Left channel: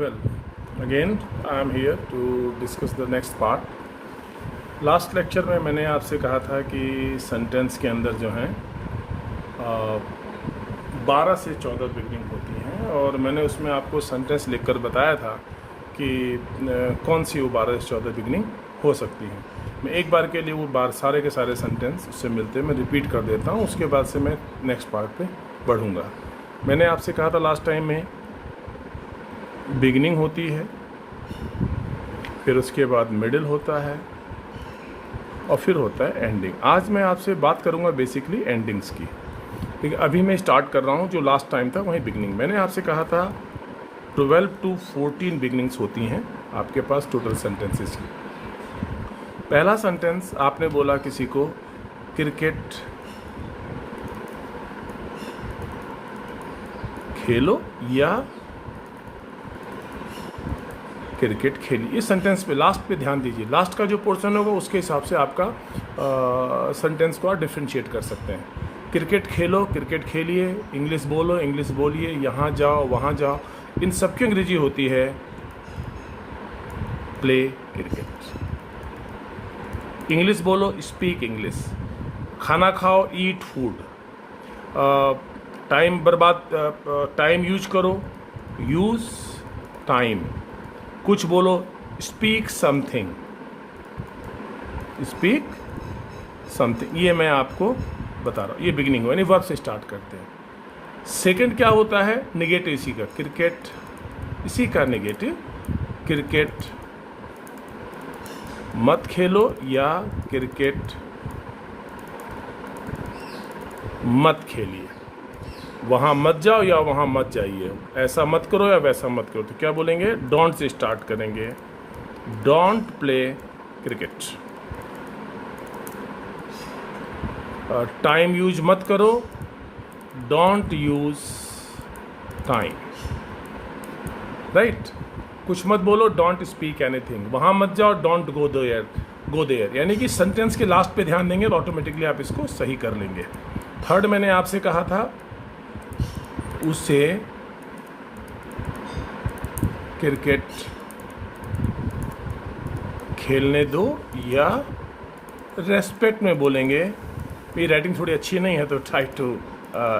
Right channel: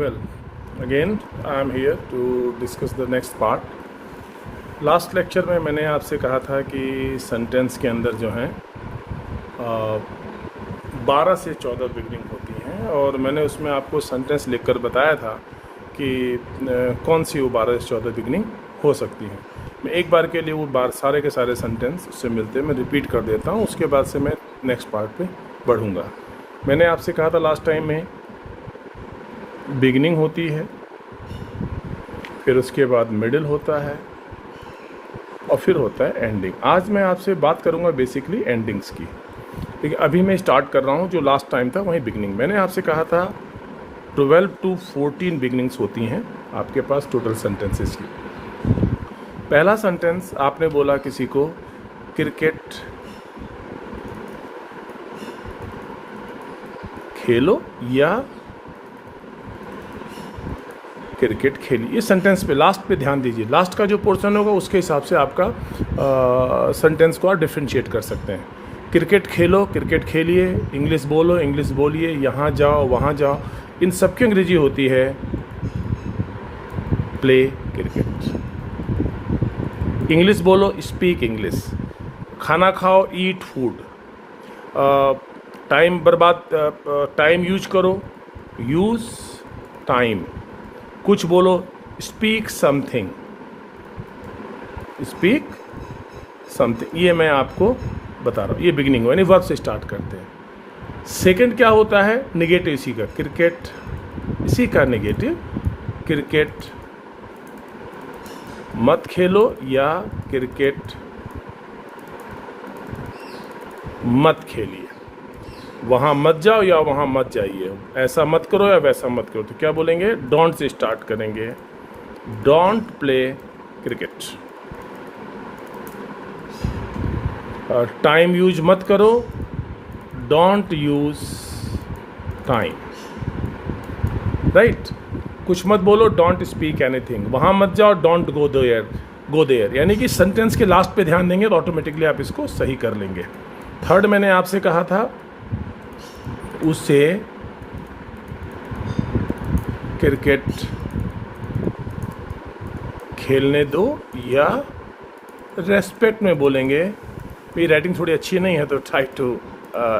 Well, again I am here to discuss the next part. Last lecture में मैंने आपसे कहा था कि सेंटेंस के अंदर जो है 12 से 14 बिगनिंग होती हैं, और मैंने उसमें आपको सेंटेंस लिखकर बताया था कि कौन सी वो 12 से 14 बिगनिंग हो सकती हैं। मैं एक बार के लिए वो सारे के सारे सेंटेंस उससे मिलते हैं, मैं रिपीट कर देता हूँ, उसके बाद से मैं नेक्स्ट पार्ट पे बढ़ूँगा। मैंने आपसे कहा था लास्ट टाइम में बिगनिंग होती है, फिर उसके बाद मिडिल होता है, और फिर होता है एंडिंग। आज मैं आपसे बात करूंगा बेसिकली एंडिंग्स की। ठीक है, अभी मैं स्टार्ट कर रहा हूं, जो लास्ट टाइम था वही बिगनिंग। मैंने आपसे कहा था 12 to 14 बिगनिंग्स होती हैं आपके पास टोटल सेंटेंसेस की। पहला सेंटेंस आपने बोला किसी को क्रिकेट खेलो या क्रिकेट खेलिए। इस सेंटेंस पे लास्ट पे ध्यान दीजिए, लास्ट का जो पोर्शन होगा उसके हिसाब से आपका सेंटेंस को आप डिफ्रेंशिएट कर सकते हैं। क्रिकेट खेलो, क्रिकेट खेलिए, इंग्लिश बोलो, इंग्लिश बोलिए, यहाँ जाओ, वहाँ जाओ, इन सब की अंग्रेजी होती है प्ले क्रिकेट। इंग्लिश बोलो, स्पीक इंग्लिश। खाना खाओ, ईट फूड। टाइम यूज करो, यूज टाइम। कुछ बोलो, स्पीक समथिंग, स्पीक समथिंग। ये मैं आपको बता रहा हूँ, ये बिगिनिंग यानी वर्ब से स्टार्ट करते हैं। सेकंड क्या होता है, निगेटिव इसी का, क्रिकेट इसी का निगेटिव, क्रिकेट मत खेलो या क्रिकेट मत खेलिए, वहाँ मत जाओ या वहाँ मत जाइए, ऐसा मत करो या वैसा मत करो। तो क्या बोलेंगे, डोंट से स्टार्ट करेंगे, don't play cricket. Time use मत करो, डोंट यूज टाइम। राइट, कुछ मत बोलो, डोंट स्पीक एनीथिंग। वहाँ मत जाओ, डोंट गो देयर। यानी कि सेंटेंस के लास्ट पे ध्यान देंगे तो ऑटोमेटिकली आप इसको सही कर लेंगे। थर्ड मैंने आपसे कहा था उसे क्रिकेट खेलने दो, या रेस्पेक्ट में बोलेंगे, मेरी राइटिंग थोड़ी अच्छी नहीं है तो try to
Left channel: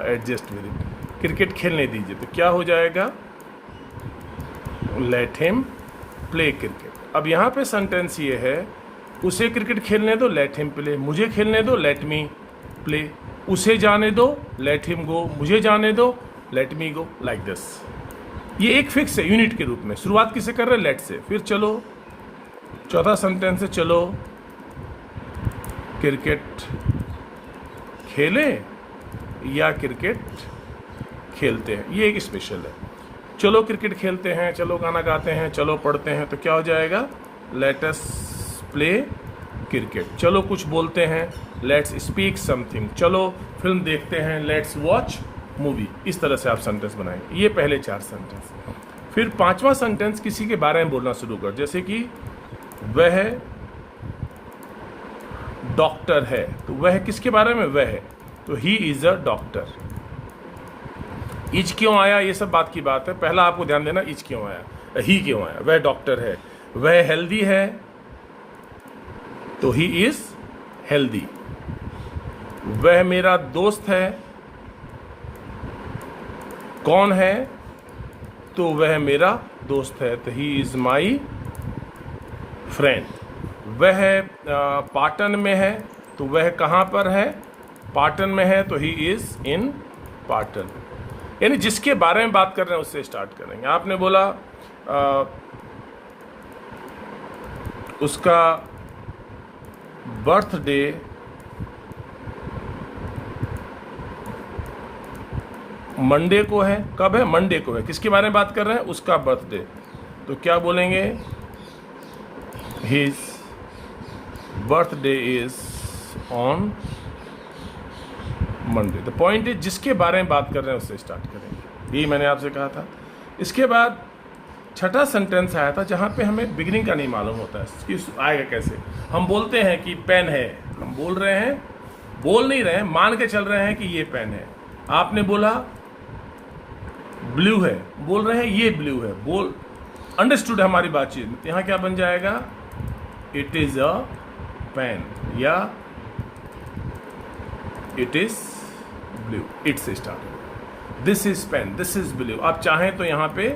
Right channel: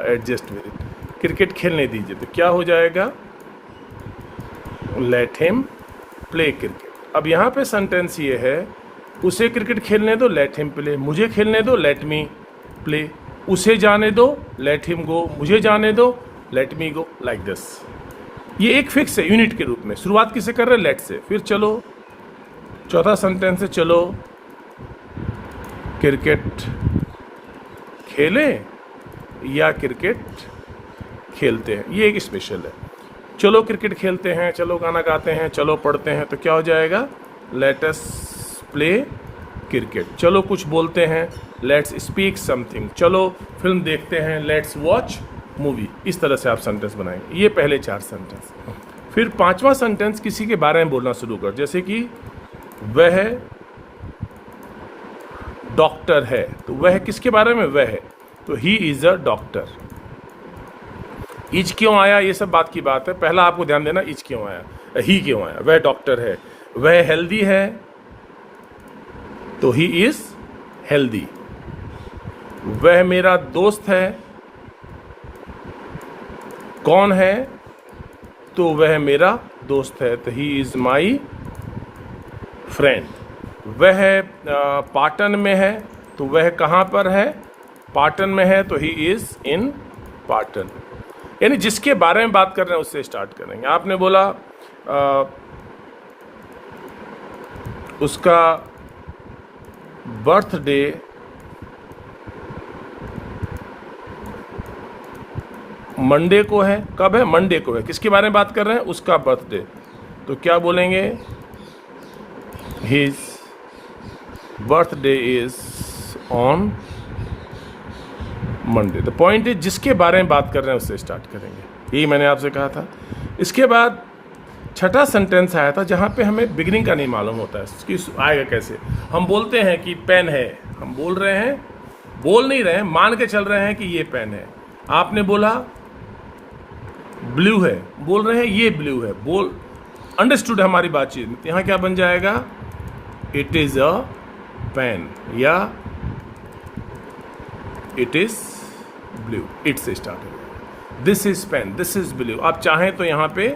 adjust with it. Cricket खेलने दीजिए, तो क्या हो जाएगा, लेट हिम प्ले क्रिकेट। अब यहाँ पे सेंटेंस ये है, उसे क्रिकेट खेलने दो, लेट हिम प्ले। मुझे खेलने दो, लेट मी प्ले। उसे जाने दो, लेट हिम गो। मुझे जाने दो, let me go, like this. ये एक फिक्स है यूनिट के रूप में। शुरुआत किसे कर रहे हैं, लेट से। फिर चलो चौथा सेंटेंस है, चलो क्रिकेट खेलें या क्रिकेट खेलते हैं। ये एक स्पेशल है, चलो क्रिकेट खेलते हैं, चलो गाना गाते हैं, चलो पढ़ते हैं। तो क्या हो जाएगा, लेट अस प्ले क्रिकेट। चलो कुछ बोलते हैं, लेट्स स्पीक समथिंग। चलो फिल्म देखते हैं, लेट्स वॉच मूवी। इस तरह से आप सेंटेंस बनाएंगे। ये पहले 4 सेंटेंस। फिर 5वां सेंटेंस किसी के बारे में बोलना शुरू कर, जैसे कि वह डॉक्टर है, तो वह किसके बारे में, वह है, तो he is a doctor. Is क्यों आया, ये सब बात की बात है, पहला आपको ध्यान देना, इज क्यों आया, ही क्यों आया। वह डॉक्टर है, वह हेल्दी है, तो ही इज हेल्दी। वह मेरा दोस्त है, कौन है, तो वह मेरा दोस्त है, तो ही इज माई फ्रेंड। वह पाटन में है, तो वह कहाँ पर है, पाटन में है, तो ही इज इन पाटन। यानी जिसके बारे में बात कर रहे हैं उससे स्टार्ट करेंगे। आपने बोला उसका बर्थडे मंडे को है, कब है, मंडे को है। किसके बारे में बात कर रहे हैं, उसका बर्थडे, तो क्या बोलेंगे, his birthday is on Monday. The point is जिसके बारे में बात कर रहे हैं उससे स्टार्ट करेंगे, यही मैंने आपसे कहा था। इसके बाद छठा सेंटेंस आया था जहाँ पे हमें बिगिनिंग का नहीं मालूम होता है कि आएगा कैसे। हम बोलते हैं कि पेन है, हम बोल रहे हैं, बोल नहीं रहे हैं, मान के चल रहे हैं कि ये पेन है। आपने बोला ब्लू है, बोल रहे हैं ये ब्लू है, बोल अंडरस्टूड हमारी बातचीत। यहाँ क्या बन जाएगा, इट इज अ पेन या इट इज ब्लू, इट से स्टार्ट होगा। This is pen, this is blue. आप चाहें तो यहाँ पे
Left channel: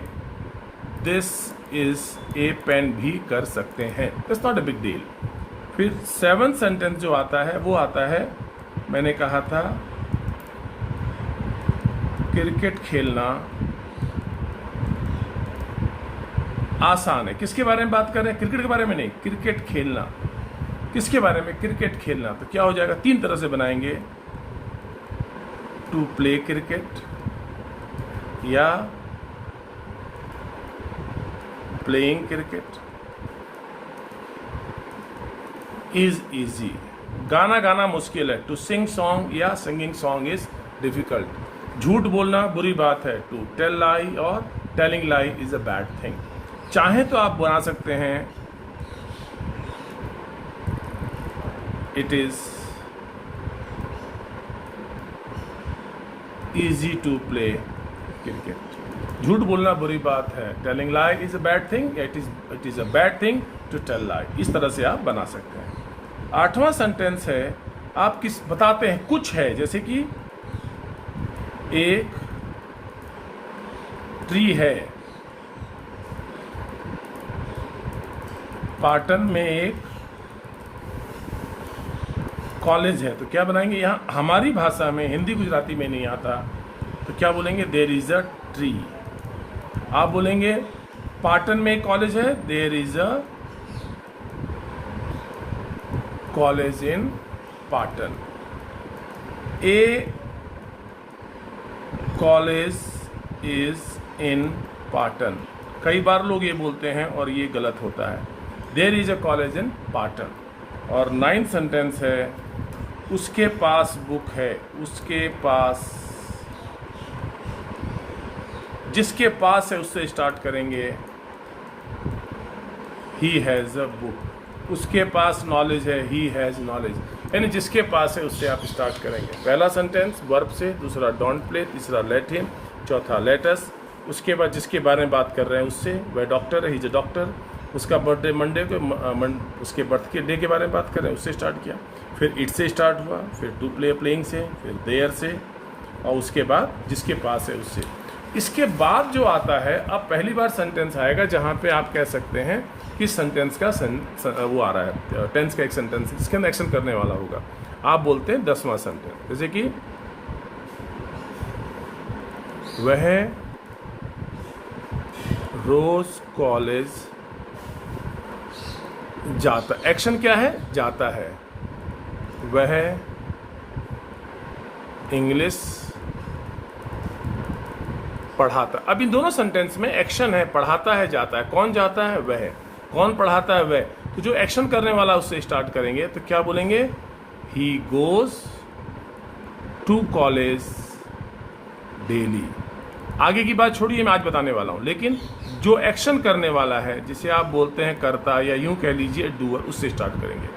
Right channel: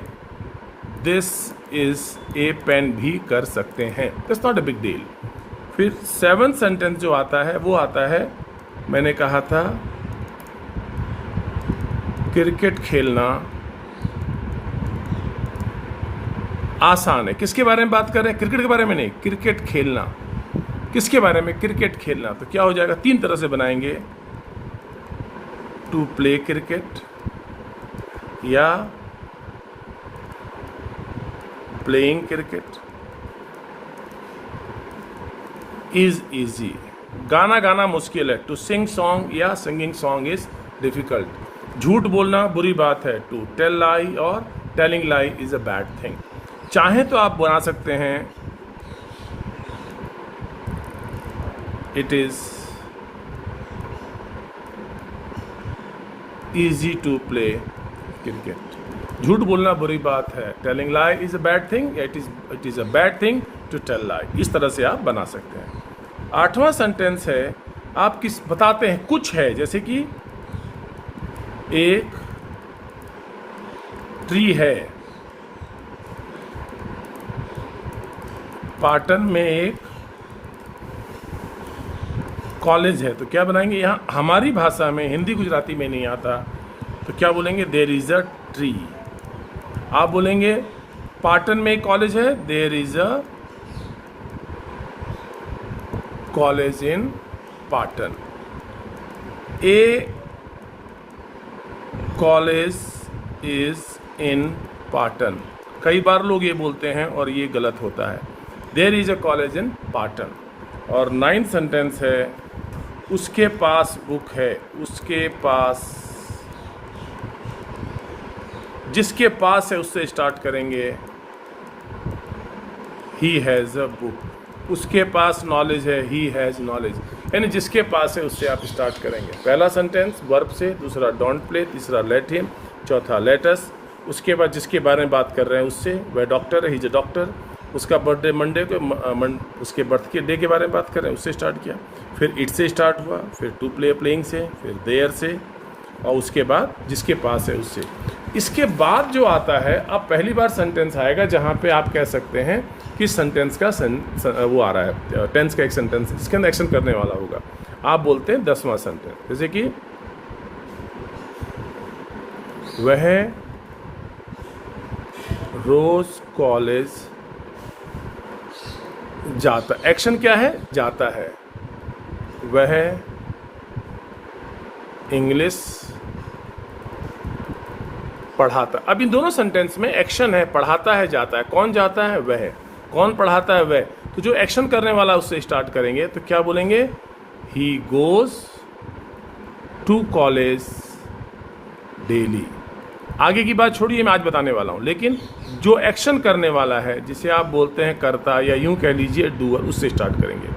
दिस इज ए पेन भी कर सकते हैं, that's not a big deal. फिर 7th सेंटेंस जो आता है वो आता है, मैंने कहा था क्रिकेट खेलना आसान है। किसके बारे में बात कर रहे हैं, क्रिकेट के बारे में नहीं, क्रिकेट खेलना। किसके बारे में, क्रिकेट खेलना। तो क्या हो जाएगा, 3 तरह से बनाएंगे, टू प्ले क्रिकेट या प्लेइंग क्रिकेट इज इजी। गाना गाना मुश्किल है, टू सिंग सॉन्ग या सिंगिंग सॉन्ग इज डिफिकल्ट। झूठ बोलना बुरी बात है, टू टेल लाई और telling lie is a bad thing. चाहे तो आप बना सकते हैं it is easy to play cricket. झूठ बोलना बुरी बात है, telling lie is a bad thing, it is a bad thing to tell लाई। इस तरह से आप बना सकते हैं। 8वां सेंटेंस है, आप किस बताते हैं कुछ है, जैसे कि एक ट्री है, पाटन में एक कॉलेज है। तो क्या बनाएंगे, यहाँ हमारी भाषा में, हिंदी गुजराती में नहीं आता, तो क्या बोलेंगे, देयर इज अ ट्री। आप बोलेंगे पाटन में एक कॉलेज है, there is a college in Patan. A college is in Patan. कई बार लोग ये बोलते हैं और ये गलत होता है, there is a college in Patan. और 9th सेंटेंस है, उसके पास बुक है, उसके पास, जिसके पास है उससे स्टार्ट करेंगे, ही हैज़ अ बुक। उसके पास नॉलेज है, ही हैज़ नॉलेज, यानी जिसके पास है उससे आप स्टार्ट करेंगे। पहला सेंटेंस वर्ब से, दूसरा डोंट प्ले, तीसरा लेट हिम, चौथा लेट अस। उसके बाद जिसके बारे में बात कर रहे हैं उससे, वह डॉक्टर है, ही इज अ डॉक्टर। उसका बर्थडे मंडे को, उसके बर्थ के डे के बारे में बात कर रहे हैं, उससे स्टार्ट किया। फिर इट से स्टार्ट हुआ, फिर टू प्ले प्लेइंग से, फिर देयर से, और उसके बाद जिसके पास है उससे। इसके बाद जो आता है, अब पहली बार सेंटेंस आएगा जहाँ पे आप कह सकते हैं कि सेंटेंस का वो आ रहा है, टेंस का एक सेंटेंस जिसके अंदर एक्शन करने वाला होगा। आप बोलते हैं 10वां सेंटेंस, जैसे कि वह रोज कॉलेज जाता। एक्शन क्या है, जाता है। वह इंग्लिश पढ़ाता। अब इन दोनों सेंटेंस में एक्शन है, पढ़ाता है, जाता है। कौन जाता है, वह। कौन पढ़ाता है, वह। तो जो एक्शन करने वाला उससे स्टार्ट करेंगे, तो क्या बोलेंगे, he goes to college daily. आगे की बात छोड़िए, मैं आज बताने वाला हूं, लेकिन जो एक्शन करने वाला है, जिसे आप बोलते हैं करता, या यूं कह लीजिए डूअर, उससे स्टार्ट करेंगे।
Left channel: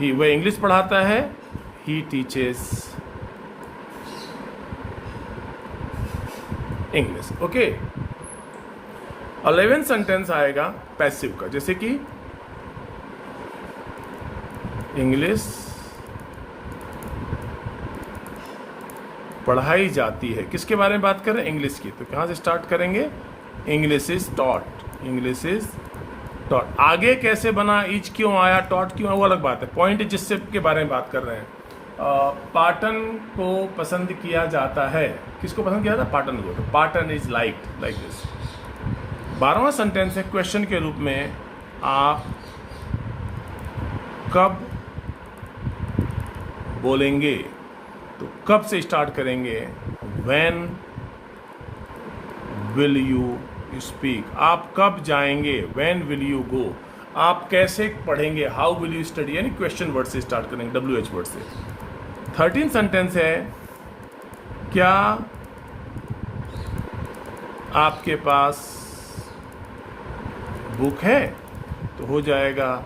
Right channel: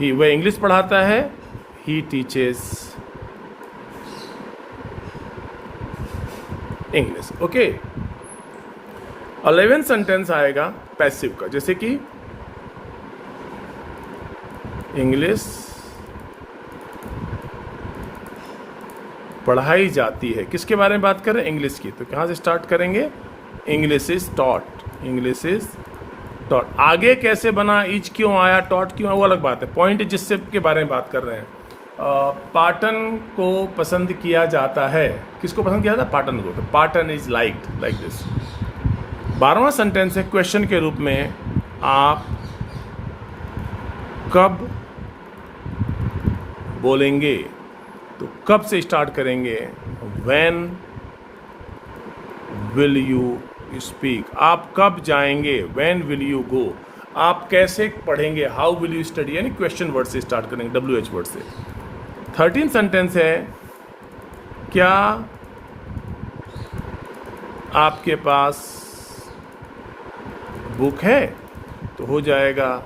ही, वह इंग्लिश पढ़ाता है, he teaches English. Okay. 11th sentence आएगा पैसिव का, जैसे कि इंग्लिश पढ़ाई जाती है। किसके बारे में बात करें, इंग्लिश की। तो कहाँ से स्टार्ट करेंगे, English is taught, English is taught. आगे कैसे बना, इज क्यों आया, टॉट क्यों, वो अलग बात है। पॉइंट जिससे के बारे में बात कर रहे हैं। पाटन को पसंद किया जाता है। किसको पसंद किया जाता है, पाटन को। तो pattern is liked, like this. 12वां सेंटेंस है क्वेश्चन के रूप में, आप कब बोलेंगे। तो कब से स्टार्ट करेंगे, व्हेन विल यू स्पीक। आप कब जाएंगे, व्हेन विल यू गो। आप कैसे पढ़ेंगे, हाउ विल यू स्टडी, यानी क्वेश्चन वर्ड से स्टार्ट करेंगे, WH वर्ड से। 13th सेंटेंस है, क्या आपके पास बुक है। तो हो जाएगा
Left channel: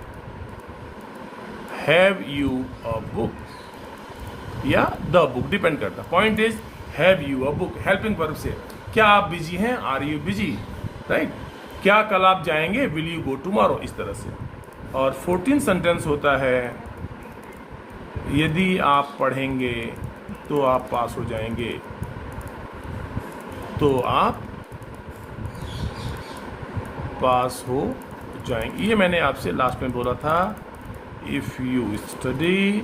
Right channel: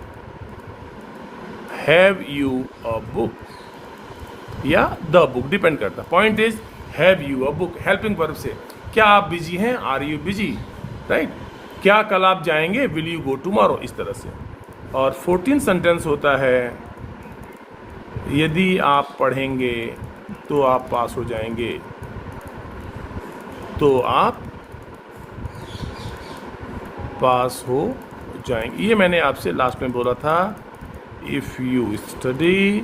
हैव यू अ बुक या द बुक, डिपेंड करता है। Point is have you a book, helping verb से। क्या आप बिजी हैं, आर यू बिजी, राइट। क्या कल आप जाएंगे, विल यू गो टुमारो, इस तरह से। और 14 सेंटेंस होता है, यदि आप पढ़ेंगे तो आप पास हो जाएंगे, तो आप पास हो जाएंगे। ये मैंने आपसे लास्ट में बोला था, if you study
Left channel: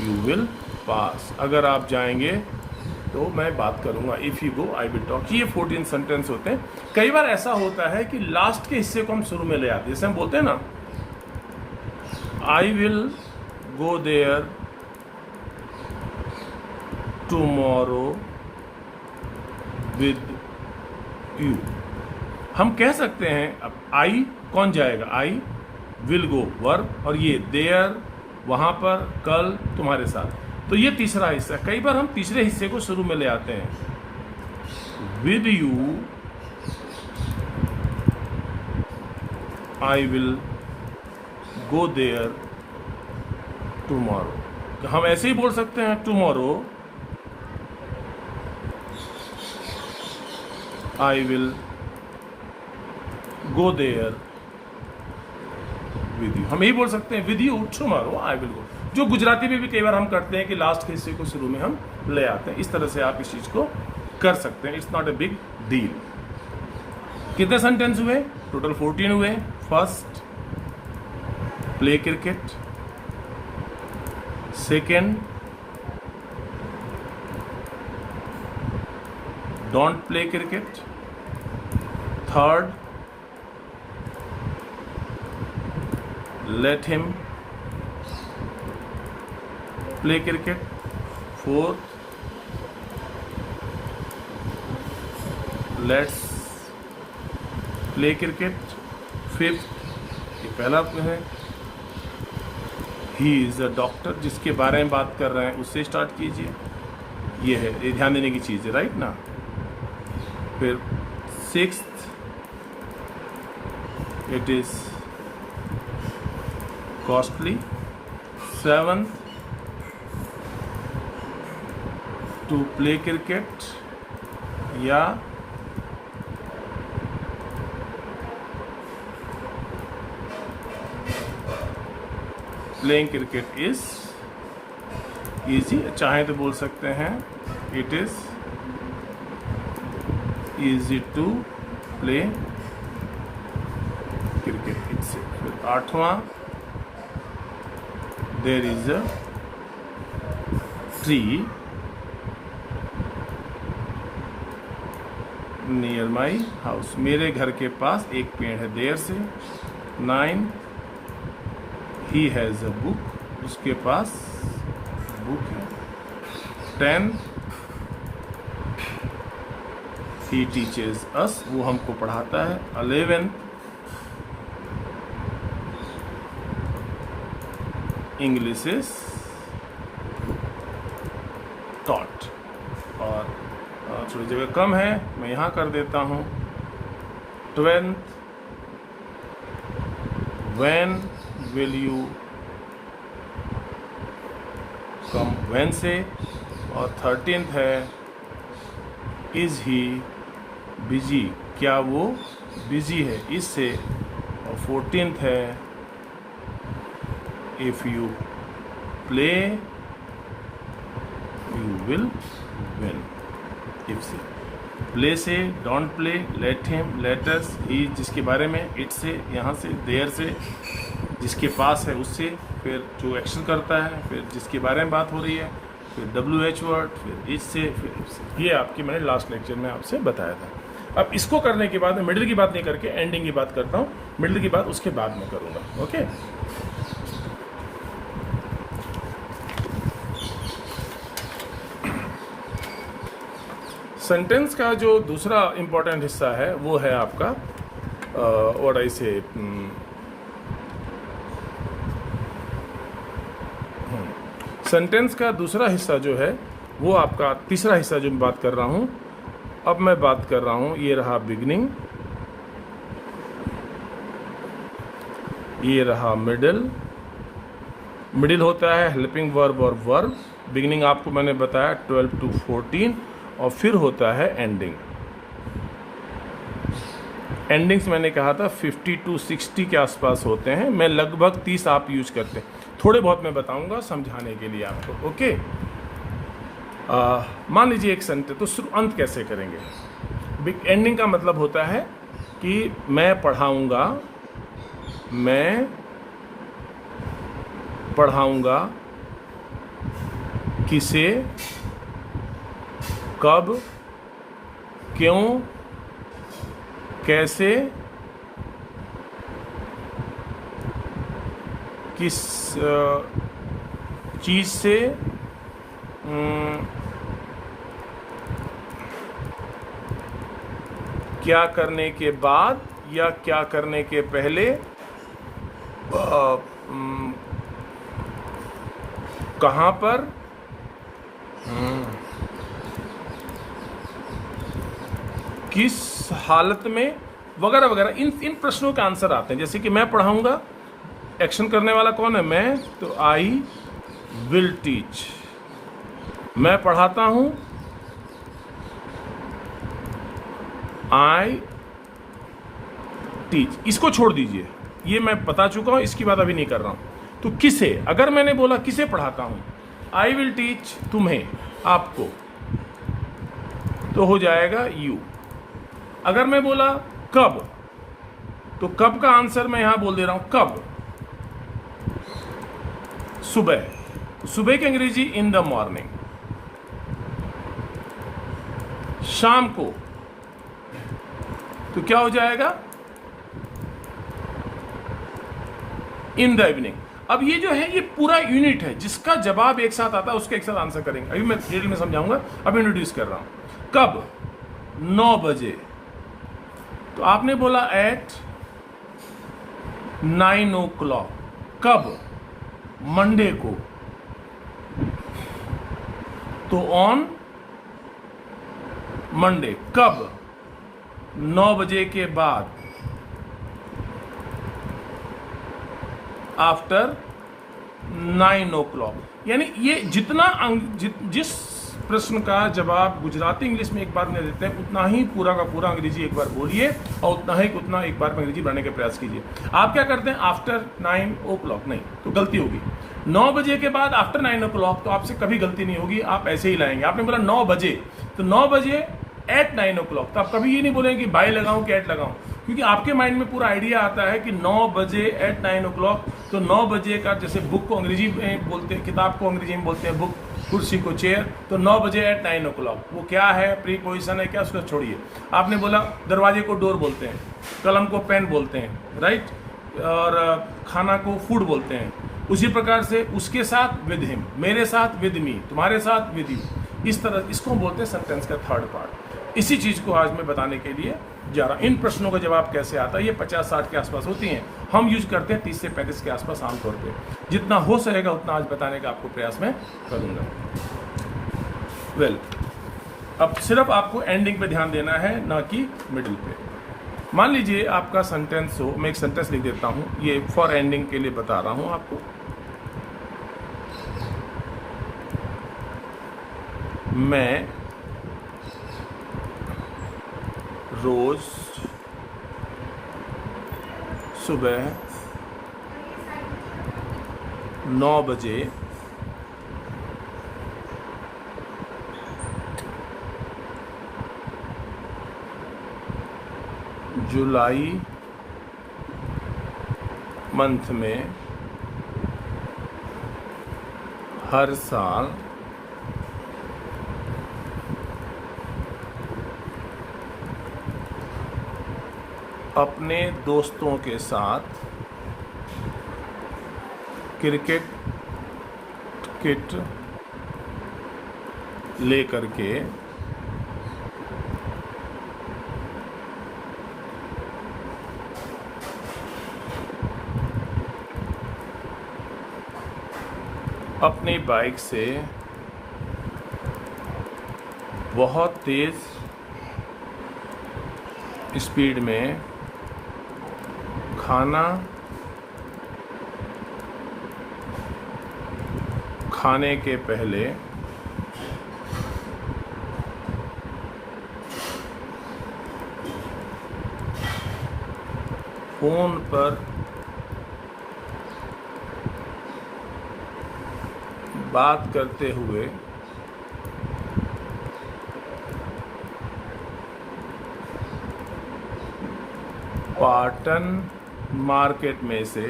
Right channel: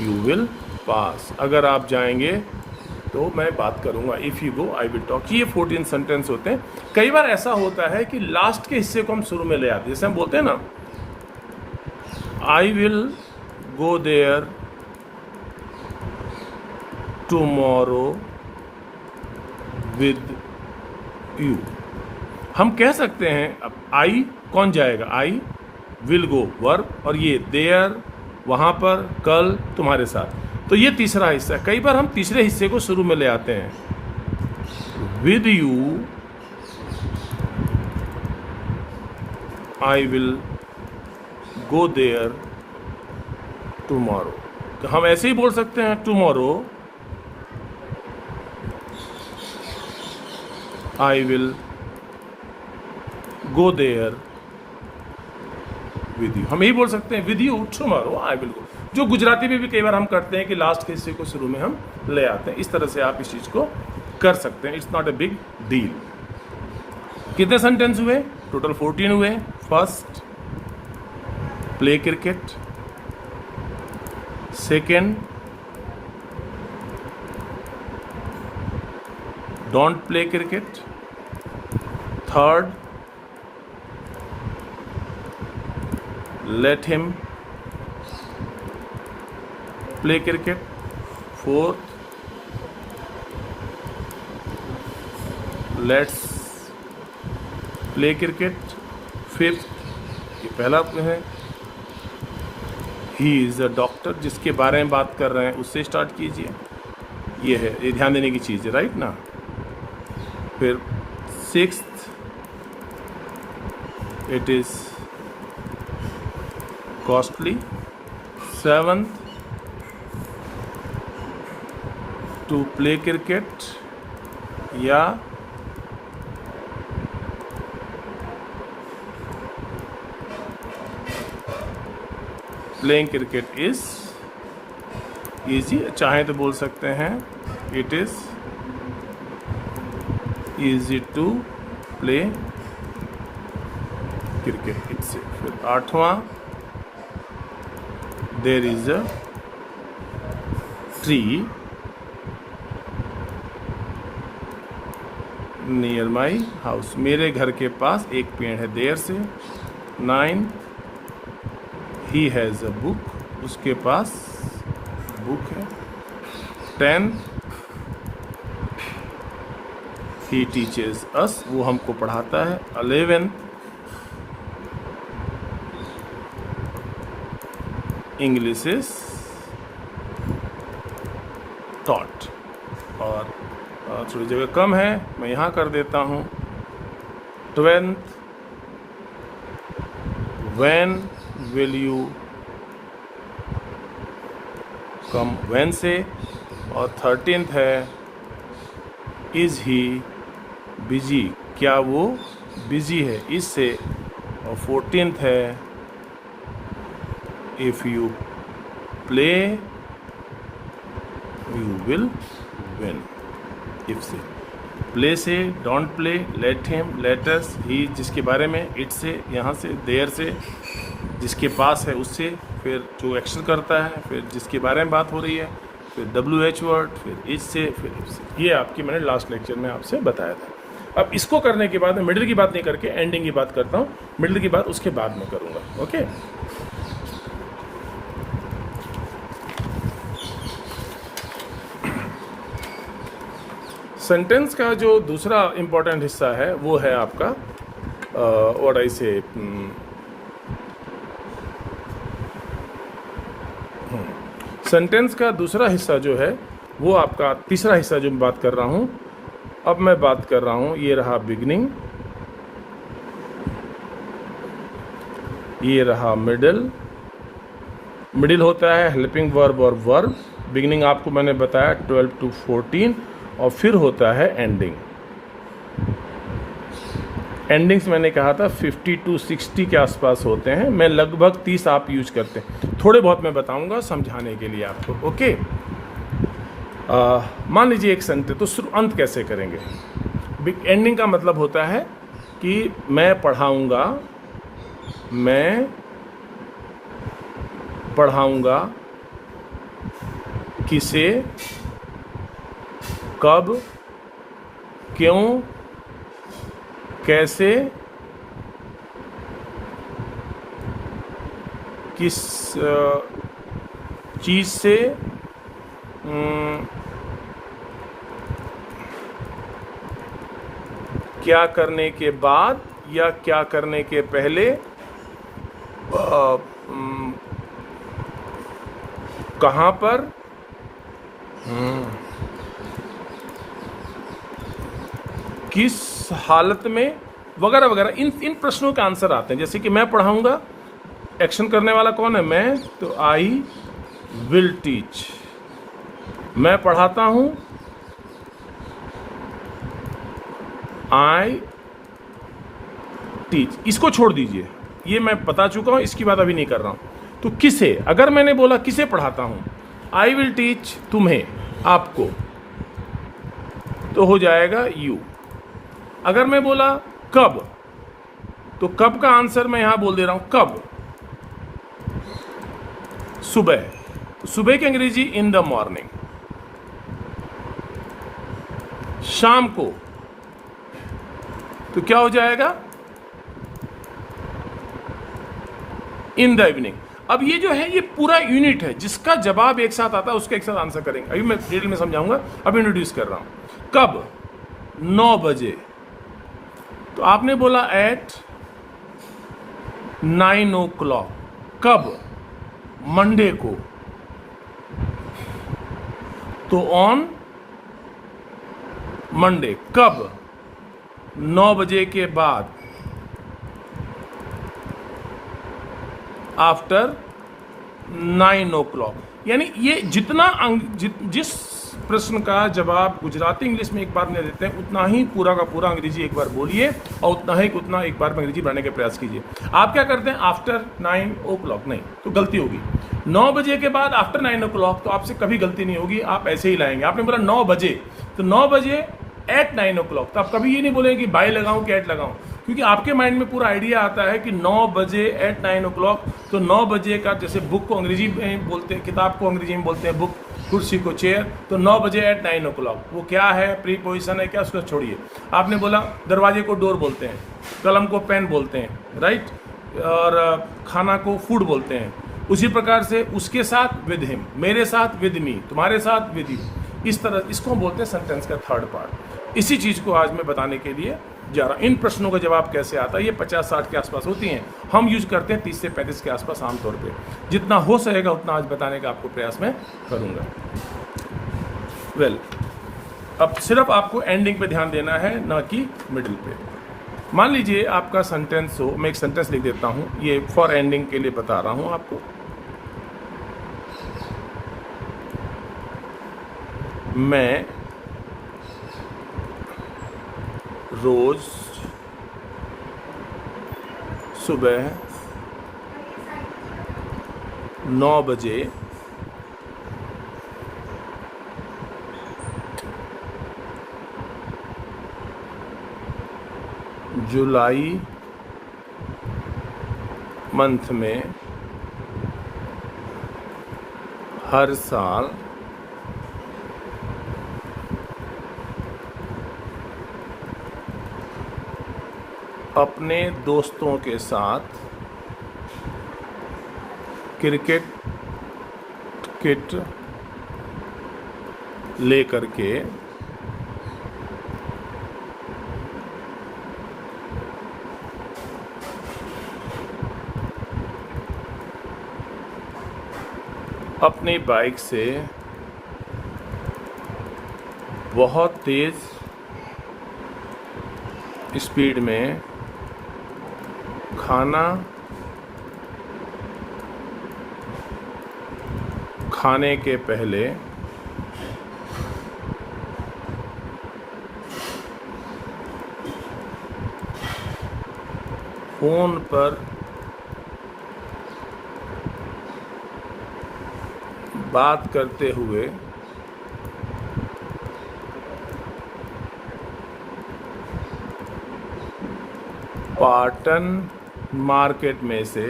you will pass. अगर आप जाएंगे तो मैं बात करूंगा, if you go I will talk. ये 14 सेंटेंस होते हैं। कई बार ऐसा होता है कि लास्ट के हिस्से को हम शुरू में ले आते हैं, जैसे हम बोलते हैं ना, I will go there tomorrow with you. हम कह सकते हैं, अब आई कौन जाएगा, आई विल गो वर्ब, और ये देयर वहां पर, कल तुम्हारे साथ। तो ये तीसरा हिस्सा। कई बार हम तीसरे हिस्से को शुरू में ले आते हैं, with you I will go there tomorrow. तो हम ऐसे ही बोल सकते हैं, tomorrow I will go there with you. हम यही बोल सकते हैं, with you tomorrow I will go. जो गुजराती में भी कई बार हम करते हैं कि लास्ट के हिस्से को शुरू में हम ले आते हैं। इस तरह से आप इस चीज को कर सकते हैं, it's not a big deal. कितने सेंटेंस हुए, टोटल 14 हुए। First, play cricket. Second, don't play cricket. Third, let him play cricket. Fourth, let's play cricket. Fifth, ये पहला है, he is a doctor, जिसके बारे में बात कर रहे हैं उससे स्टार्ट कीजिए। ये है, ये ध्यान देने की चीज़ है, राइट ना। फिर sixth, it is costly. Seventh, to play cricket या playing cricket is easy। चाहे तो बोल सकते हैं it is easy to play cricket itself। फिर आठवां, there is a tree near my house, मेरे घर के पास एक पेड़ है, देर से। 9, he has a book, उसके पास बुक है। 10, he teaches us, वो हमको पढ़ाता है। 11, English is taught। और थोड़ी जगह कम है, मैं यहाँ कर देता हूँ। 12th, when will you come, when से। और 13th है, is he busy, क्या वो बिजी है, इससे। और 14th है, if you play you will win। if से, play से, don't play, let him, let us, he जिसके बारे में, it से, यहाँ से, there से, जिसके पास है उससे, फिर जो एक्शन करता है, फिर जिसके बारे में बात हो रही है, फिर WH वर्ड, फिर इस से, फिर if से। ये आपकी मैंने लास्ट लेक्चर में आपसे बताया था। अब इसको करने के बाद मैं मिडिल की बात नहीं करके एंडिंग की बात करता हूँ। मिडिल की बात उसके बाद में करूँगा, ओके। सेंटेंस का जो दूसरा इंपॉर्टेंट हिस्सा है वो है आपका व्हाट आई से, सेंटेंस का दूसरा हिस्सा जो है वो आपका तीसरा हिस्सा जो मैं बात कर रहा हूँ। अब मैं बात कर रहा हूँ, ये रहा बिगनिंग, ये रहा मिडिल। मिडिल होता है हेल्पिंग वर्ब और वर्ब। बिगनिंग आपको मैंने बताया 12 to 14, और फिर होता है एंडिंग। एंडिंग्स मैंने कहा था 50 to 60 के आसपास होते हैं, मैं लगभग 30 आप यूज करते हैं, थोड़े बहुत मैं बताऊंगा समझाने के लिए आपको। ओके, मान लीजिए एक सेंटेंस, तो अंत कैसे करेंगे? एंडिंग का मतलब होता है कि मैं पढ़ाऊंगा, मैं पढ़ाऊंगा किसे, कब, क्यों, कैसे, किस चीज से, क्या करने के बाद या क्या करने के पहले, कहाँ पर, किस हालत में, वगैरह वगैरह। इन प्रश्नों का आंसर आते हैं। जैसे कि मैं पढ़ाऊंगा, एक्शन करने वाला कौन है? मैं, तो आई विल टीच। मैं पढ़ाता हूं, आई टीच। इसको छोड़ दीजिए, ये मैं बता चुका हूं, इसकी बात अभी नहीं कर रहा हूं। तो किसे, अगर मैंने बोला किसे पढ़ाता हूं, आई विल टीच तुम्हें, आपको, तो हो जाएगा यू। अगर मैं बोला कब, तो कब का आंसर मैं यहां बोल दे रहा हूं, कब, सुबह। सुबह की अंग्रेजी इन द मॉर्निंग। शाम को, तो क्या हो जाएगा, इन द इवनिंग। अब ये जो है, ये पूरा यूनिट है, जिसका जवाब एक साथ आता है उसका एक साथ आंसर करेंगे। अभी मैं डिटेल में समझाऊंगा, अब इंट्रोड्यूस कर रहा हूं। कब, 9 बजे। तो आपने बोला एट 9 o'clock। कब, मंडे को, तो ऑन मंडे। कब, 9 बजे के बाद, आफ्टर 9 o'clock। यानी ये जितना जिस प्रश्न का जवाब गुजराती इंग्लिश में एक बार नहीं देते हैं, उतना ही पूरा का पूरा अंग्रेजी एक बार बोलिए और उतना एक बार में अंग्रेजी बनाने का प्रयास कीजिए। आप क्या करते हैं, आफ्टर 9 o'clock, नहीं तो गलती होगी। 9 बजे के बाद आफ्टर 9 o'clock, तो आपसे कभी गलती नहीं होगी, आप ऐसे ही लाएंगे। आपने बोला 9 बजे, तो 9 बजे एट 9 o'clock, तो आप कभी ये नहीं बोलेंगे कि बाय लगाऊं कि एट लगाऊं, क्योंकि आपके माइंड में पूरा आइडिया आता है कि 9 बजे एट 9 o'clock। तो 9 बजे का, जैसे बुक को अंग्रेजी में बोलते हैं, किताब को अंग्रेजी में बोलते हैं बुक, कुर्सी को चेयर, तो 9 बजे एट 9 o'clock वो क्या है, प्रीपोजिशन है क्या, उसको छोड़िए। आपने बोला दरवाजे को डोर बोलते हैं, कलम को पेन बोलते हैं, राइट, और खाना को फूड बोलते हैं। उसी प्रकार से उसके साथ विद हिम, मेरे साथ विद मी, तुम्हारे साथ विद यू, इस तरह इसको हम बोलते हैं सेंटेंस का थर्ड पार्ट। इसी चीज़ को आज मैं बताने के लिए जा रहा। इन प्रश्नों का जवाब कैसे आता है, ये 50-60 के आसपास होती हैं, हम यूज करते हैं 30 से 35 के आसपास आमतौर पे। जितना हो सकेगा उतना आज बताने का आपको प्रयास मैं करूँगा। वेल, अब सिर्फ आपको एंडिंग पे ध्यान देना है, ना कि मिडिल पे। मान लीजिए आपका सेंटेंस हो, मैं एक सेंटेंस लिख देता हूँ, ये फॉर एंडिंग के लिए बता रहा हूँ आपको। मैं रोज सुबह 9 बजे जुलाई मंथ में हर साल अपने दोस्तों के साथ क्रिकेट किट लेकर के अपनी बाइक से बहुत तेज स्पीड में खाना खाने के पहले फोन पर बात करते हुए पाटन मार्केट में से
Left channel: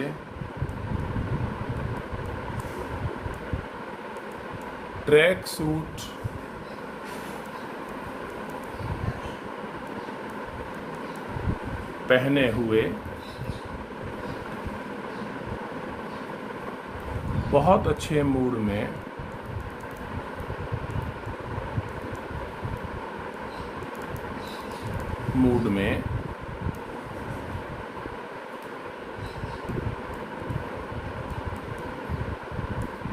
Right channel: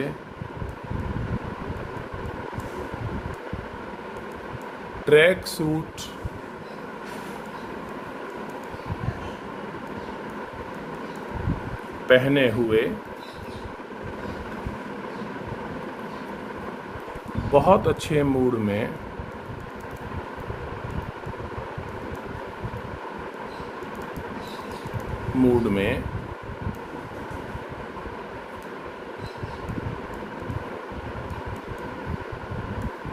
ट्रैक सूट पहने हुए बहुत अच्छे मूड में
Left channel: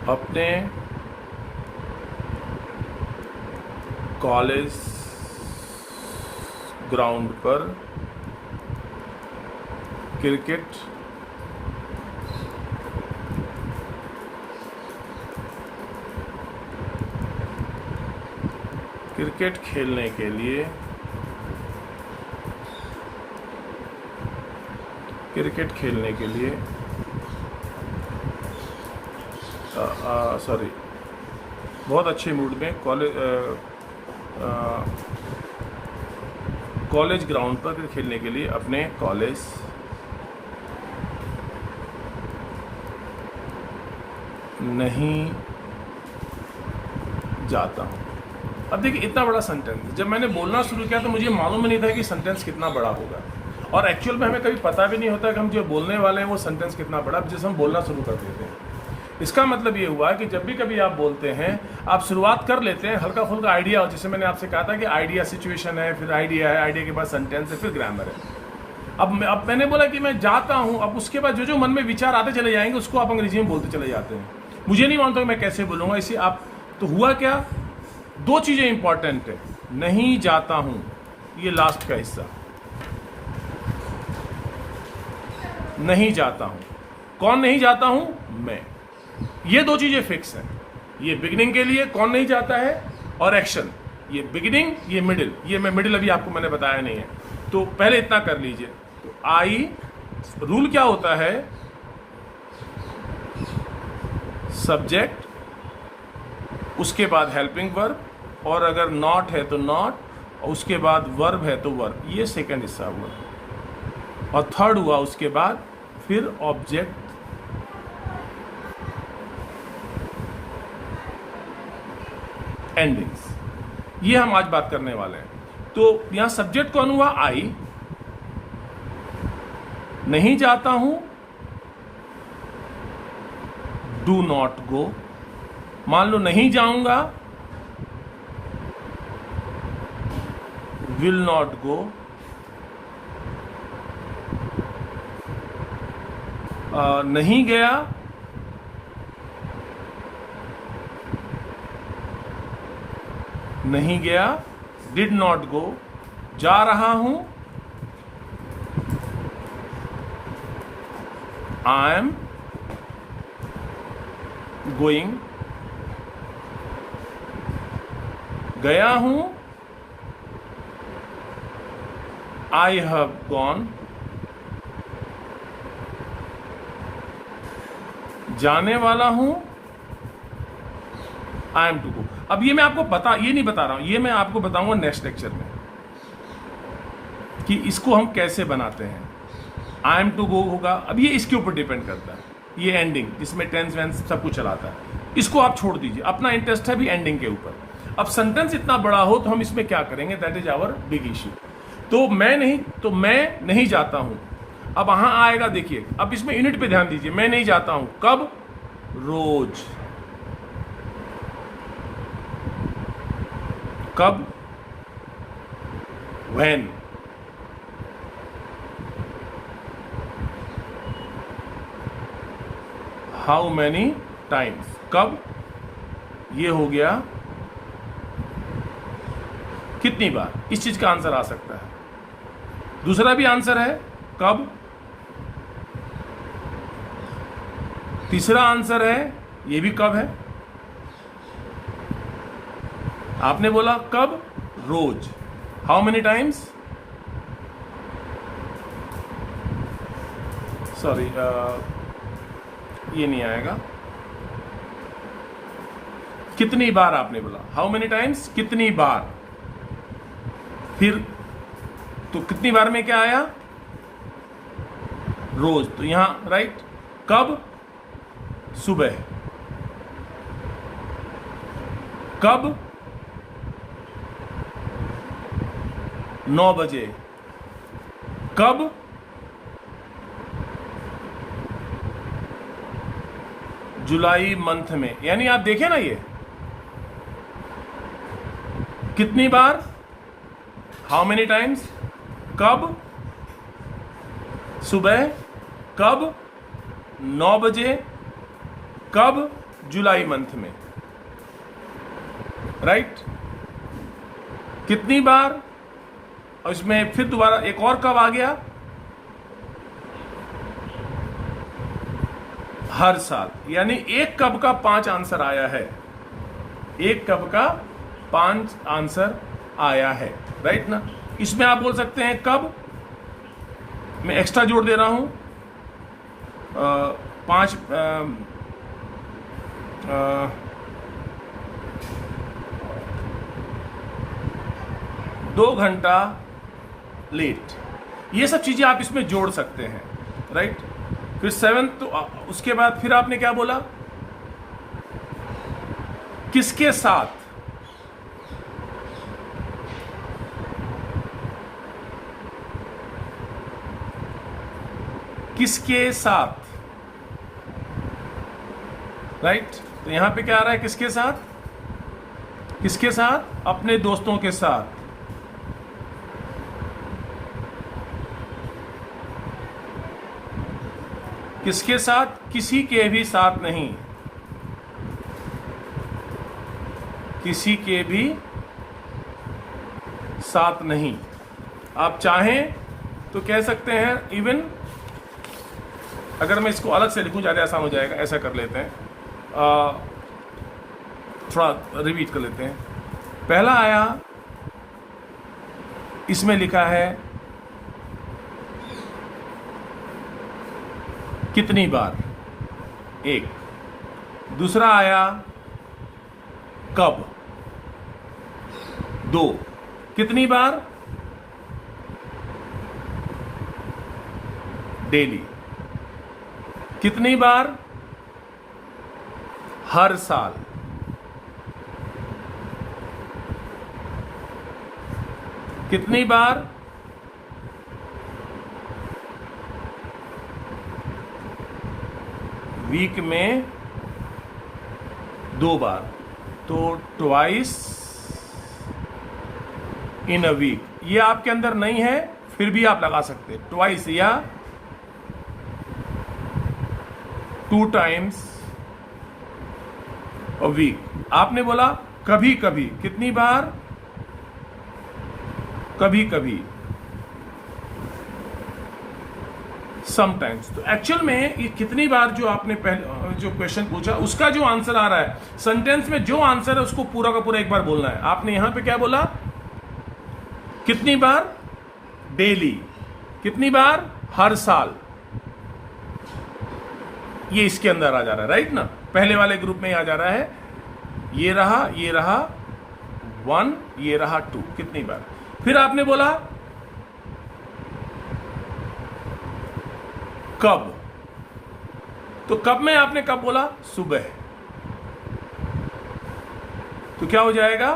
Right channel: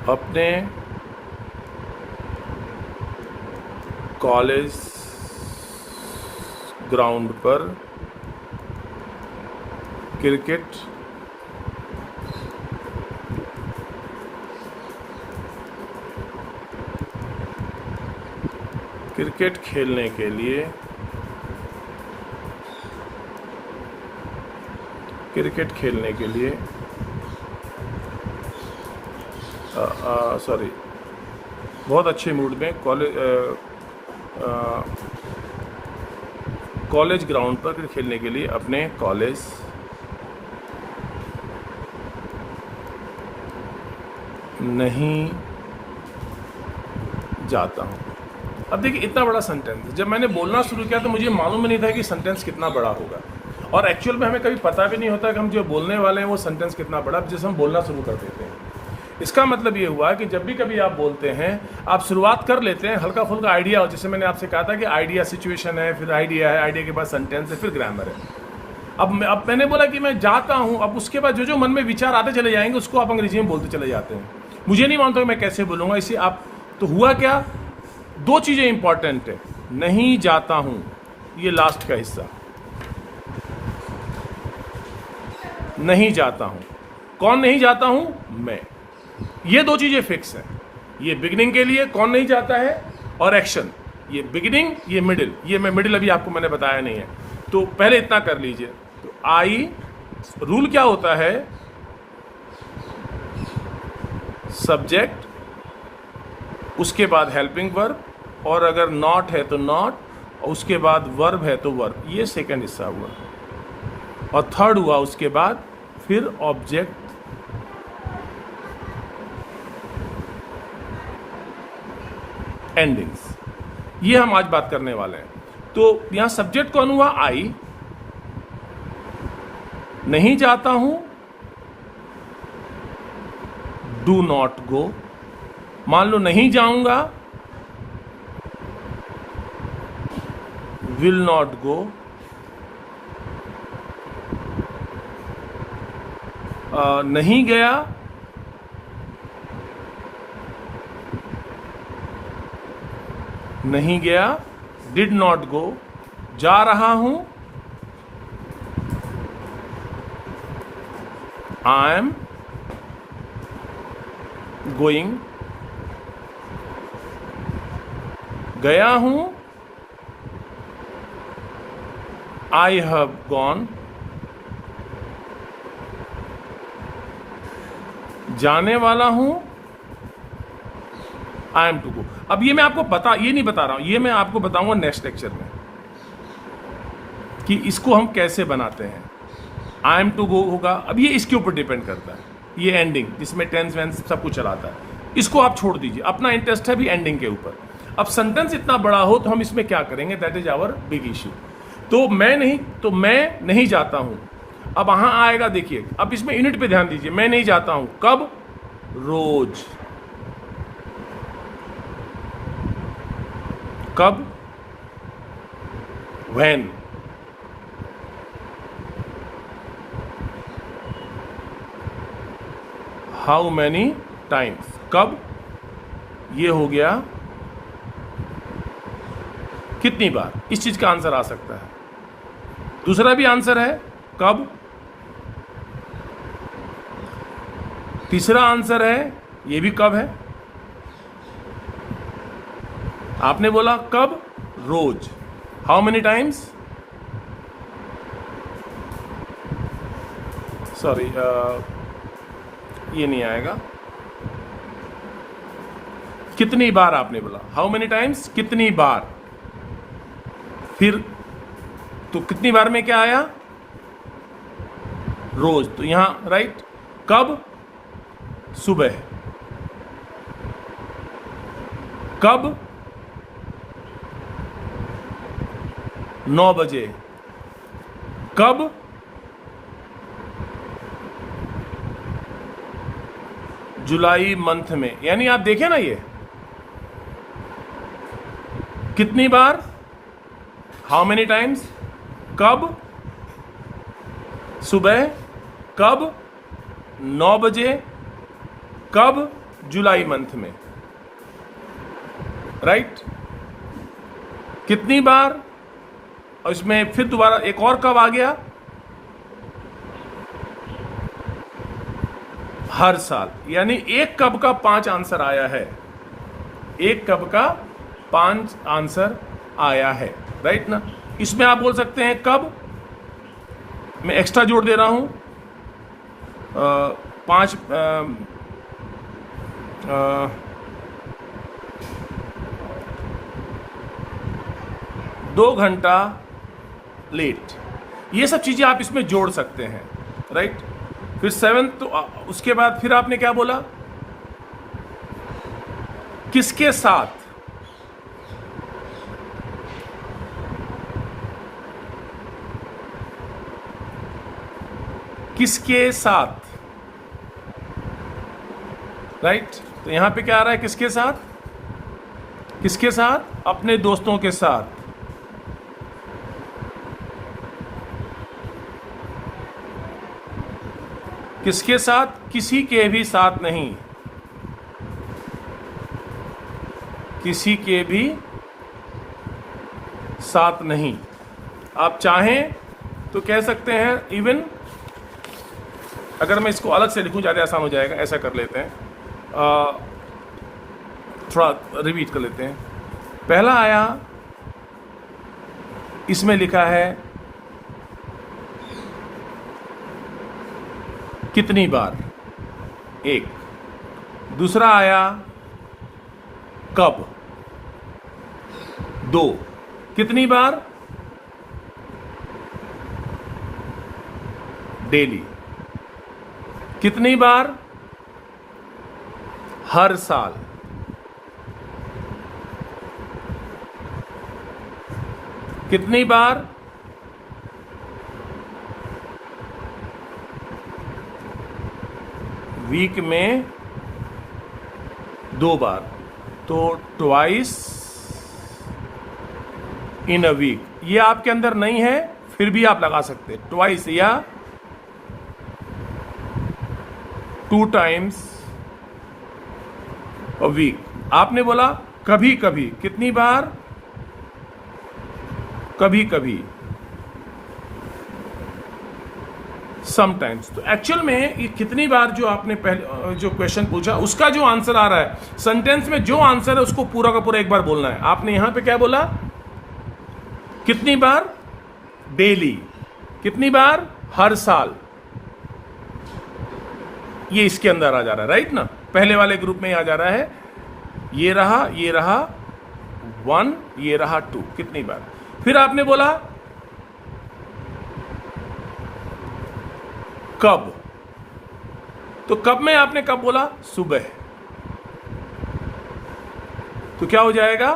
अपने कॉलेज ग्राउंड पर क्रिकेट खेलने के लिए बहुत अच्छे मूड में कॉलेज ग्राउंड पर क्रिकेट खेलने के लिए अपने कॉलेज नहीं जाता हूँ। अब देखिए, इतना बड़ा सेंटेंस, जब मैंने बोलना शुरू किया तो मुझे मालूम ही नहीं था कि सेंटेंस कितना बड़ा होगा, और एक्चुअल में हमें कभी पता भी नहीं होता कि हम जो बोलने वाले हैं वो सेंटेंस कितना बड़ा, जिसे हम बोलना शुरू कर देते हैं। इसका मतलब ये हुआ कि जब भी कभी आप बोलते हैं, आप शुरुआत कर लेते हैं हल्का फुल्का आइडिया हो, जैसे मैंने आपसे कहा था कि आइडिया सिचुएशन है, फिर आइडिया है, आइडिया के बाद सेंटेंस है, फिर ग्रामर है। अब मैंने बोला कि मैं जाता हूँ, अब उसके बाद जो मन में विचार आते चले जाएंगे उसको आप अंग्रेजी में बोलते चले जाते हैं। मुझे नहीं मानता मैं कैसे बोलूँगा, इसे आप तो हुआ क्या, दो चीज़ें इंपॉर्टेंट है। नहीं जाता हूँ, ये लास्ट का हिस्सा, नहीं जाता हूँ। कौन नहीं जाता हूँ? मैं। ये दो चीजें फिक्स हैं। ये बिगिनिंग के लिए कौन नहीं जाता है, और एक्शन, ये बिगिनिंग, ये मिडिल। ये मैं मिडिल अभी आपको मैंने बताया नहीं है, तो पहले इतना कर लीजिए। तो आई, रूल क्या होता है, सब्जेक्ट, उसके बाद हेल्पिंग वर्ब, और अगर नॉट है तो नॉट, और उसके बाद वर्ब है तो वर्ब। ये सेकंड हिस्सा हुआ, और थर्ड हुआ उसके बाद फिर ऑब्जेक्ट, एंडिंग्स। ये हम आज बात करने वाले हैं। तो यहां सब्जेक्ट कौन हुआ? आई। नहीं जाता हूं, डू नॉट गो। मान लो नहीं जाऊंगा, विल नॉट गो। नहीं गया, नहीं गया, डिड नॉट गो। जा रहा हूं, आई एम गोइंग। गया हूं, आई हैव गॉन। जाने वाला हूं, आई एम टू गो। अब ये मैं आपको ये नहीं बता रहा हूं, ये मैं आपको बताऊंगा नेक्स्ट लेक्चर में कि इसको हम कैसे बनाते हैं। आई एम टू गो होगा, अब ये इसके ऊपर डिपेंड करता है। ये एंडिंग, जिसमें टेंस वेंस सब कुछ चलाता है, इसको आप छोड़ दीजिए, अपना इंटरेस्ट है भी एंडिंग के ऊपर। अब सेंटेंस इतना बड़ा हो तो हम इसमें क्या करेंगे, that is our big issue. तो मैं नहीं जाता हूं। अब वहां आएगा, देखिए अब इसमें यूनिट पे ध्यान दीजिए। मैं नहीं जाता हूं कब? रोज। कब? व्हेन। How many times. कब? ये हो गया कितनी बार। इस चीज का आंसर आ सकता है। दूसरा भी आंसर है कब। तीसरा आंसर है, ये भी कब है। आपने बोला कब? रोज। How many times? सॉरी, ये नहीं आएगा। कितनी बार आपने बोला, हाउ मेनी टाइम्स, कितनी बार। फिर तो कितनी बार में क्या आया, रोज, तो यहां राइट। कब, सुबह। कब, 9 बजे। कब, जुलाई मंथ में। यानी आप देखें ना, ये कितनी बार, हाउ मेनी टाइम्स, कब, सुबह, कब, 9 बजे, कब, जुलाई मंथ में, राइट। कितनी बार, और इसमें फिर दोबारा एक और कब आ गया, हर साल। यानी एक कब का 5 आंसर आया है, एक कब का 5 आंसर आया है, राइट ना। इसमें आप बोल सकते हैं कब, मैं एक्स्ट्रा जोड़ दे रहा हूं, 5 2 घंटा लेट। ये सब चीजें आप इसमें जोड़ सकते हैं, राइट। फिर 7, तो उसके बाद फिर आपने क्या बोला, किसके साथ, किसके साथ, राइट। तो यहां पे क्या आ रहा है, किसके साथ, किसके साथ, अपने दोस्तों के साथ। किसके साथ, किसी के भी साथ नहीं, किसी के भी साथ नहीं। आप चाहें तो कह सकते हैं इवन, अगर मैं इसको अलग से लिखूं ज़्यादा आसान हो जाएगा, ऐसा कर लेते हैं, थोड़ा रिपीट कर लेते हैं। पहला आया, इसमें लिखा है कितनी बार, एक। दूसरा आया कब, 2। कितनी बार, डेली। कितनी बार, हर साल। कितनी बार, वीक में 2 बार, तो ट्वाइस इन अ वीक। ये आपके अंदर नहीं है, फिर भी आप लगा सकते हैं, ट्वाइस या 2 टाइम्स अ वीक। आपने बोला कभी कभी, कितनी बार, कभी कभी, समटाइम्स। तो एक्चुअल में ये कितनी बार जो आपने पहले जो क्वेश्चन पूछा, उसका जो आंसर आ रहा है, सेंटेंस में जो आंसर है उसको पूरा का पूरा एक बार बोलना है। आपने यहां पे क्या बोला, कितनी बार, डेली। कितनी बार, हर साल। ये इसके अंदर आ जा रहा है, राइट ना। पहले वाले ग्रुप में आ जा रहा है, ये रहा 1, ये रहा 2। कितनी बार। फिर आपने बोला कब, तो कब में आपने कब बोला, सुबह। तो क्या हो जाएगा,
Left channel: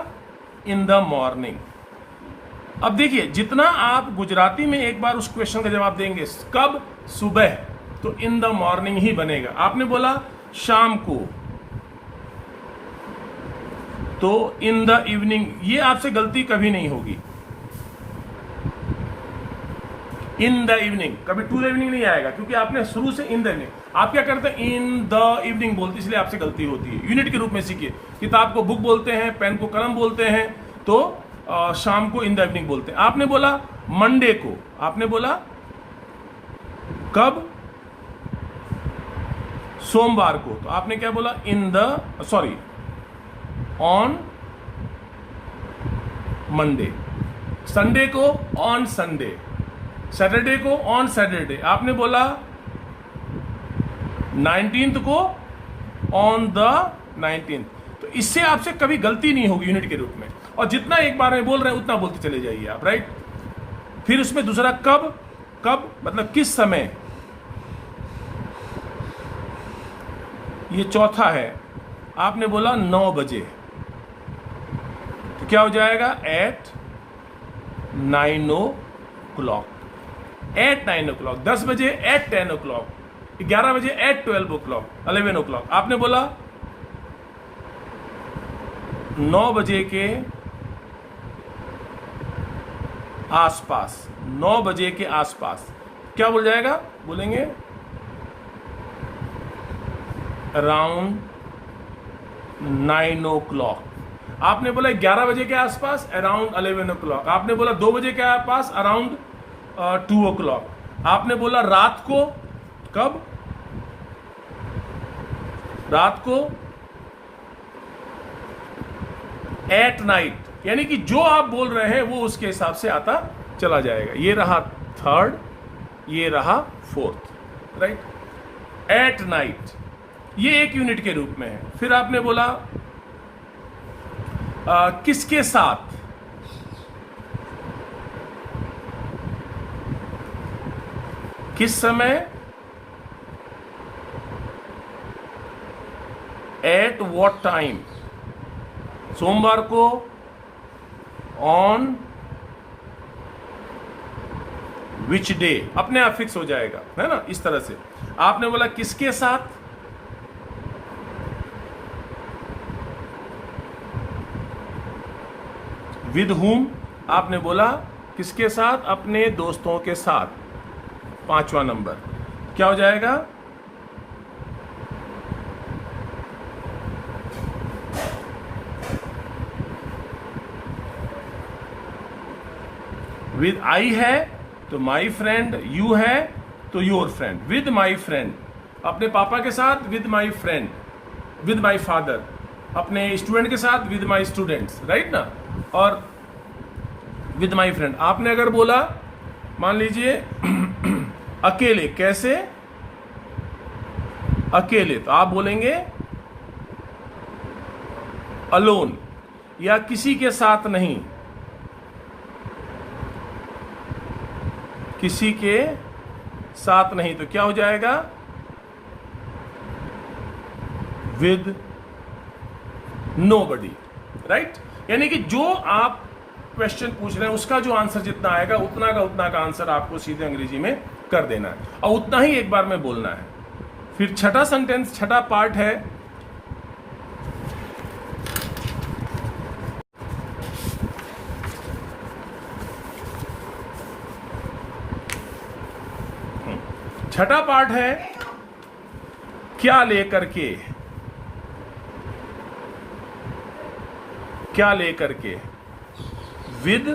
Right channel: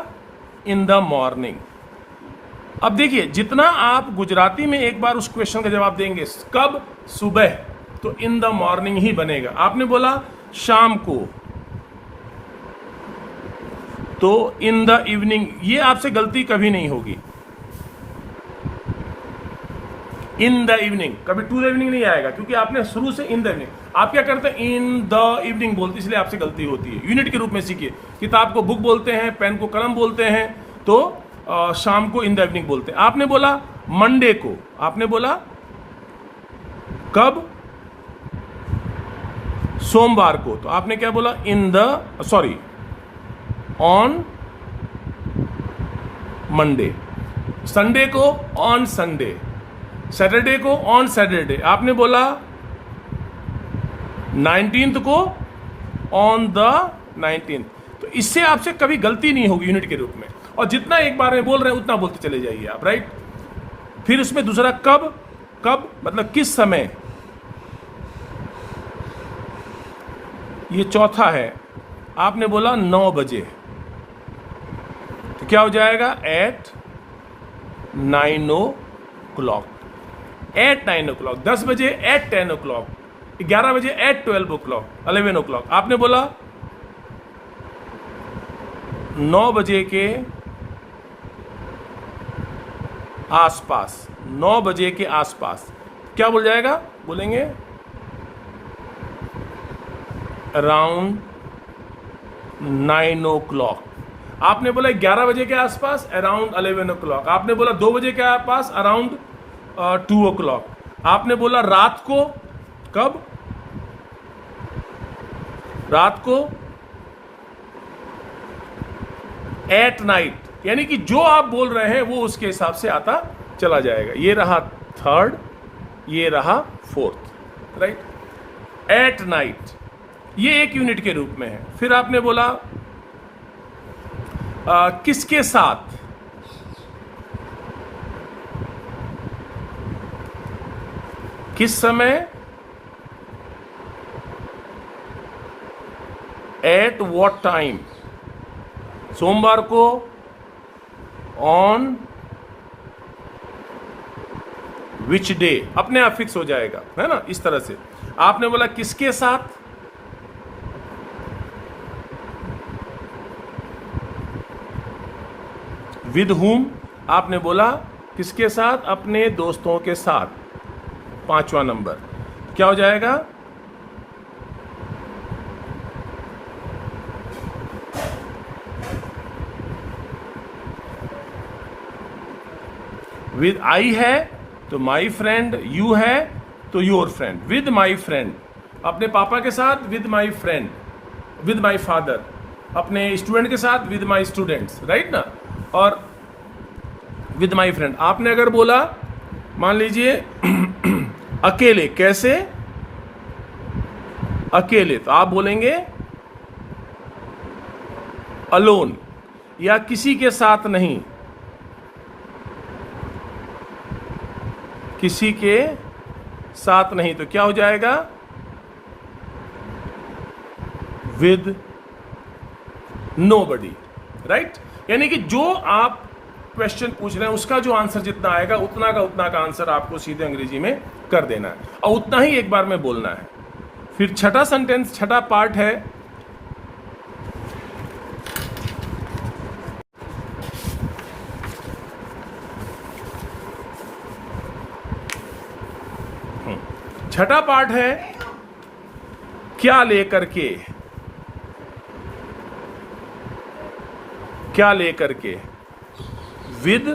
इन द मॉर्निंग। अब देखिए, जितना आप गुजराती में एक बार उस क्वेश्चन का जवाब देंगे, कब, सुबह, तो इन द मॉर्निंग ही बनेगा। आपने बोला शाम को, तो इन द इवनिंग। ये आपसे गलती कभी नहीं होगी, इन द इवनिंग। कभी टू द इवनिंग नहीं आएगा, क्योंकि आपने शुरू से इन द इवनिंग। आप क्या करते हैं, इन द इवनिंग बोलते, इसलिए आपसे गलती होती है। यूनिट के रूप में सीखिए, किताब को बुक बोलते हैं, पेन को कलम बोलते हैं, तो शाम को इन द इवनिंग बोलते हैं। आपने बोला मंडे को, आपने बोला कब, सोमवार को, तो आपने क्या बोला, in the, sorry, on Monday. Sunday को ऑन संडे, सैटरडे को ऑन सैटरडे। आपने बोला 19th को ऑन द 19th। तो इससे आपसे कभी गलती नहीं होगी यूनिट के रूप में, और जितना एक बार में बोल रहे हैं उतना बोलते चले जाइए आप, राइट। फिर उसमें दूसरा कब, कब मतलब किस समय, ये चौथा है। आपने बोला 9 बजे, तो क्या हो जाएगा एट 9 o'clock, एट 9 o'clock। 10 बजे एट 10 o'clock, 11 बजे एट 12 o'clock, 11 o'clock। आपने बोला 9 बजे के आसपास, 9 बजे के आसपास क्या बोल जाएगा, बोलेंगे अराउंड 9 o'clock। आपने बोला 11 बजे के आसपास अराउंड 11 o'clock। आपने बोला 2 बजे के आसपास अराउंड 2 o'clock। आपने बोला रात को, कब, रात को एट नाइट, यानी कि जो आप बोल रहे हैं वो उसके हिसाब से आता चला जाएगा। ये रहा थर्ड, ये रहा फोर्थ, राइट। एट नाइट ये एक यूनिट के रूप में है। फिर आपने बोला किसके साथ, किस समय, एट व्हाट टाइम, सोमवार को ऑन विच डे, अपने आप फिक्स हो जाएगा, है ना, इस तरह से। आपने बोला किसके साथ, विद हुम। आपने बोला किसके साथ, अपने दोस्तों के साथ, 5वां नंबर क्या हो जाएगा, विद आई है तो माई फ्रेंड, यू है तो your friend, with my friend. अपने पापा के साथ with my friend, with my father. अपने स्टूडेंट के साथ विद माई स्टूडेंट्स, राइट ना, और विद माई फ्रेंड। आपने अगर बोला मान लीजिए अकेले, कैसे, अकेले, तो आप बोलेंगे अलोन, या किसी के साथ नहीं, किसी के साथ नहीं, तो क्या हो जाएगा, विद नोबडी, राइट। यानी कि जो आप क्वेश्चन पूछ रहे हैं उसका जो आंसर जितना आएगा उतना का आंसर आपको सीधे अंग्रेजी में कर देना है, और उतना ही एक बार में बोलना है। फिर छठा सेंटेंस, छठा पार्ट है छठा पार्ट है क्या लेकर के, क्या लेकर के, विद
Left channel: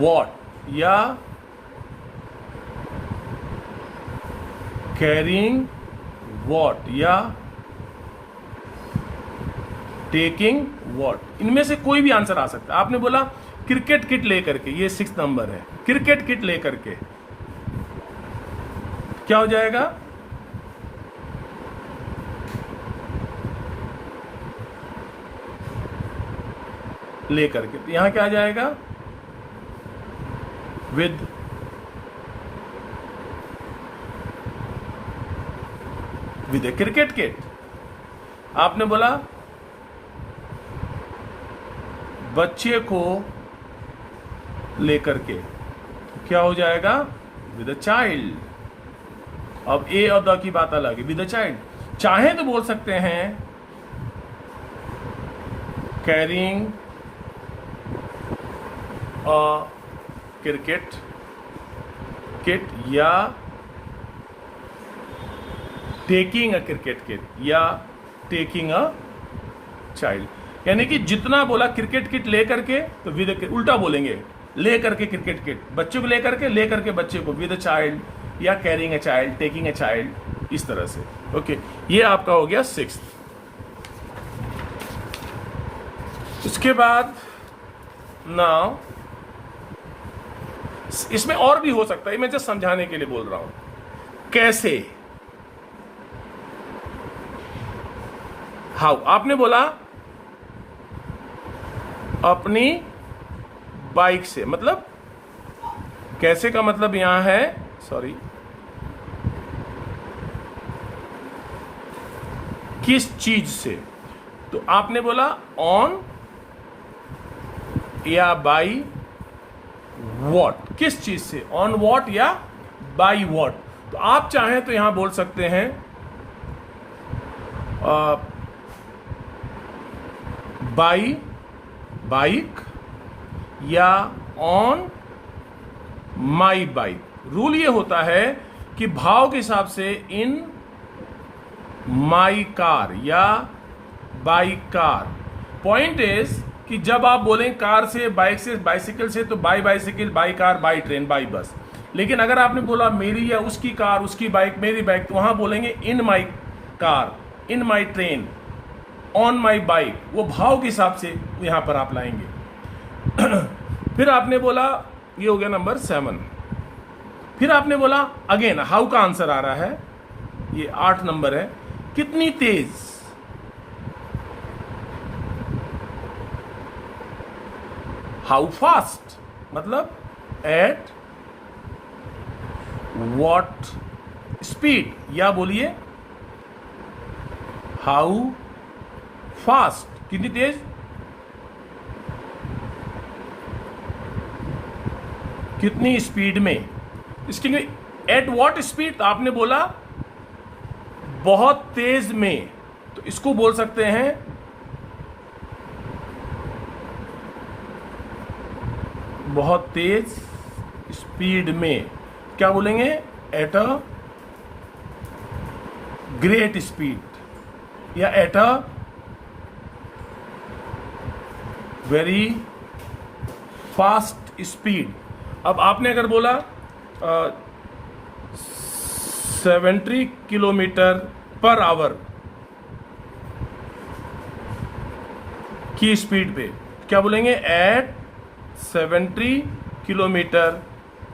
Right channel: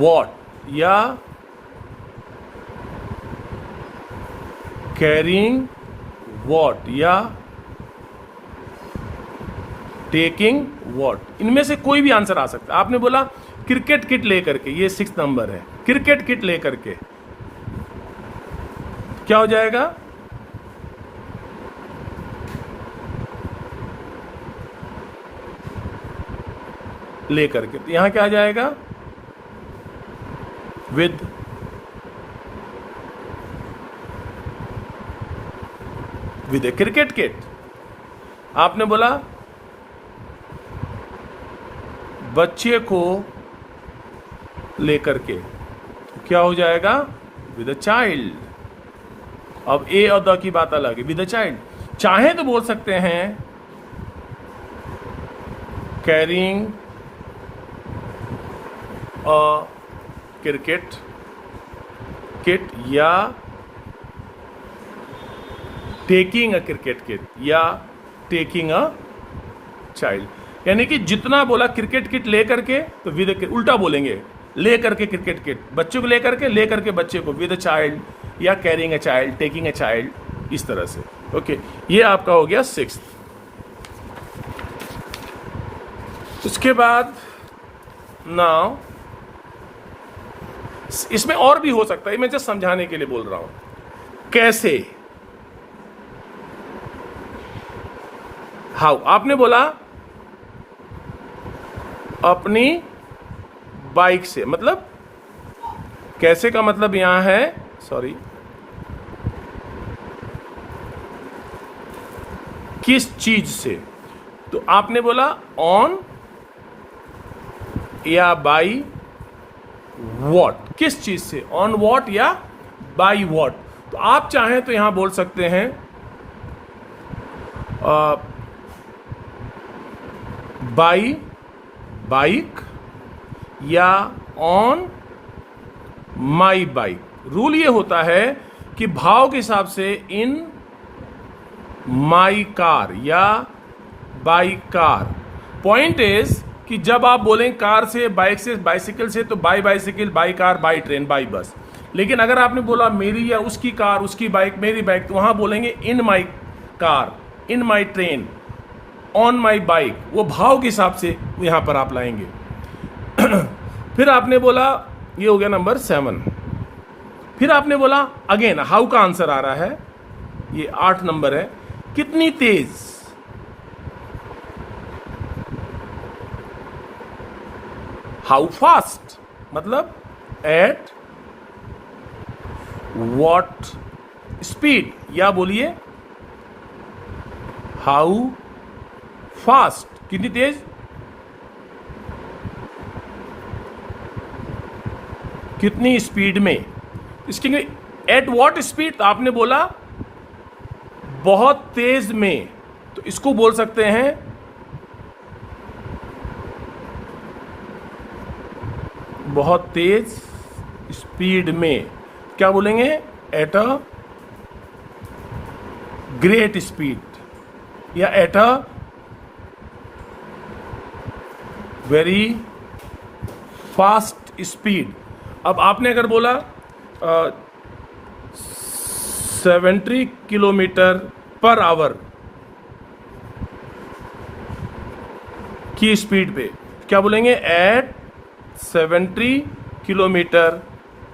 वॉट, या कैरिंग वॉट, या टेकिंग वॉट। इनमें से कोई भी आंसर आ सकता है। आपने बोला क्रिकेट किट लेकर के, ये 6 नंबर है, क्रिकेट किट लेकर के क्या हो जाएगा, लेकर के, तो यहां क्या आ जाएगा, with, with A cricket kit. आपने बोला बच्चे को लेकर के, तो क्या हो जाएगा, विद अ चाइल्ड। अब ए और द की बात अलग है, विद अ चाइल्ड। चाहे तो बोल सकते हैं कैरिंग अ क्रिकेट किट, या टेकिंग अ क्रिकेट किट, या टेकिंग अ चाइल्ड। यानी कि जितना बोला क्रिकेट किट लेकर के, तो विद, उल्टा बोलेंगे, लेकर के क्रिकेट किट, बच्चे को लेकर के बच्चे को, विद अ चाइल्ड, या carrying a child, taking a child, इस तरह से। ओके, ये आपका हो गया 6th। इसके बाद नाउ इसमें और भी हो सकता है, मैं जस्ट समझाने के लिए बोल रहा हूं। कैसे, हाउ, आपने बोला अपनी बाइक से, मतलब कैसे का मतलब यहां है, सॉरी, किस चीज से। तो आपने बोला ऑन या बाई वॉट, किस चीज से, ऑन वॉट या बाई वॉट। तो आप चाहें तो यहां बोल सकते हैं बाई बाइक या ऑन माई बाइक। रूल ये होता है कि भाव के हिसाब से इन माई कार या बाई कार। पॉइंट इज कि जब आप बोलें कार से, बाइक से, बाइसिकल से, तो by bicycle, by car, by train, by bus. लेकिन अगर आपने बोला मेरी या उसकी कार, उसकी बाइक, मेरी बाइक, तो वहां बोलेंगे in my car, in my train, on my bike. वो भाव के हिसाब से यहां पर आप लाएंगे। फिर आपने बोला, ये हो गया नंबर 7। फिर आपने बोला अगेन हाउ का आंसर आ रहा है, ये 8 नंबर है, कितनी तेज, हाउ फास्ट, मतलब एट वॉट स्पीड, या बोलिए हाउ फास्ट, कितनी तेज, कितनी स्पीड में। इसके लिए एट वॉट स्पीड, तो आपने बोला बहुत तेज में, तो इसको बोल सकते हैं बहुत तेज स्पीड में। क्या बोलेंगे, एट अ ग्रेट स्पीड या at a very fast speed. अब आपने अगर बोला 70 किलोमीटर पर आवर की स्पीड पे, क्या बोलेंगे, एट 70 किलोमीटर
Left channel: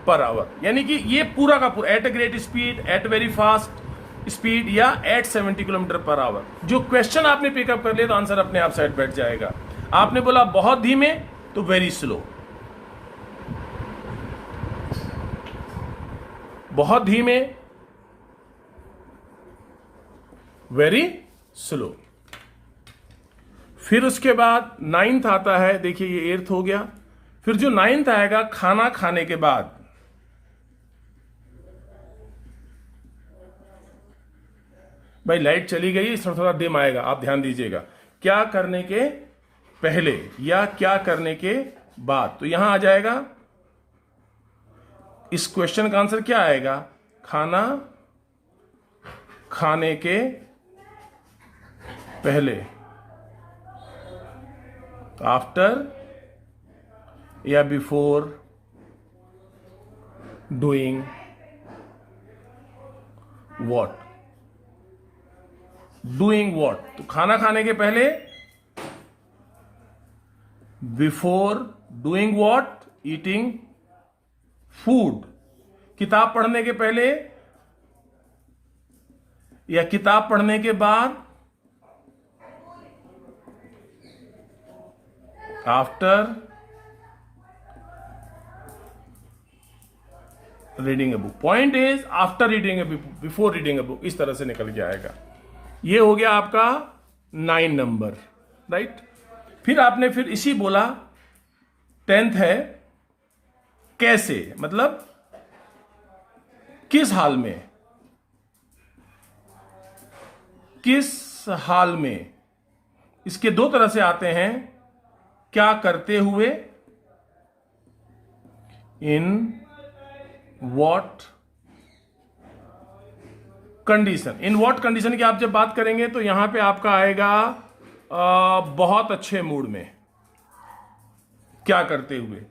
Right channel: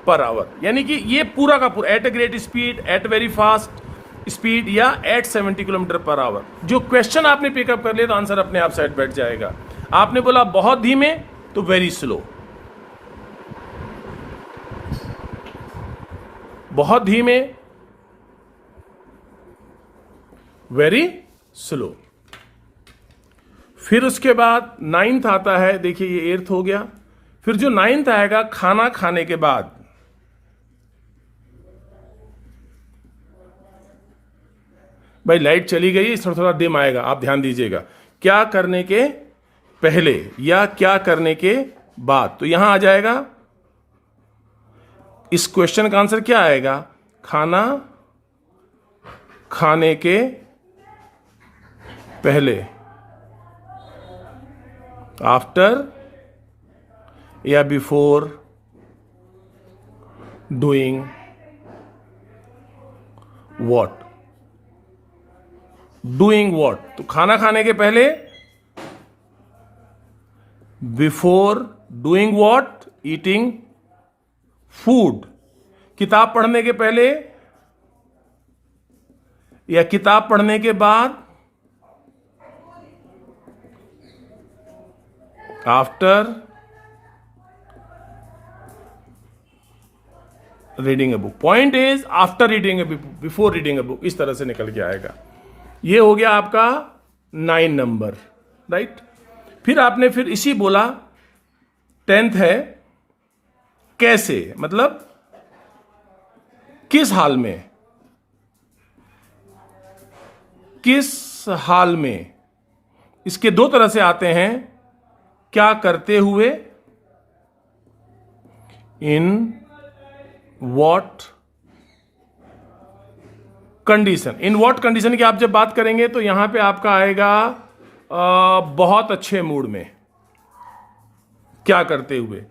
पर आवर। यानी कि ये पूरा का पूरा at a great speed, at very fast speed या एट 70 किलोमीटर पर आवर। जो क्वेश्चन आपने पिकअप कर लिया तो आंसर अपने आप साइड बैठ जाएगा। आपने बोला बहुत धीमे, तो वेरी स्लो, बहुत धीमे, वेरी स्लो। फिर उसके बाद 9th आता है, देखिए ये 8th हो गया। फिर जो 9th आएगा, खाना खाने के बाद, भाई लाइट चली गई, थोड़ा थोड़ा डिम आएगा, आप ध्यान दीजिएगा, क्या करने के पहले या क्या करने के बाद। तो यहां आ जाएगा, इस क्वेश्चन का आंसर क्या आएगा, खाना खाने के पहले, आफ्टर या before doing what, doing what. तो खाना खाने के पहले, before doing what, eating food. किताब पढ़ने के पहले या किताब पढ़ने के बाद, after reading a book. Point is after reading a book, before reading a book, इस तरह से निकल के आएगा। ये हो गया आपका 9 नंबर, राइट। फिर आपने फिर इसी बोला 10th है, कैसे, मतलब किस हाल में, किस हाल में। इसके 2 तरह से आते हैं, क्या करते हुए, in what condition. In what condition की आप जब बात करेंगे तो यहां पे आपका आएगा बहुत अच्छे मूड में, क्या करते हुए,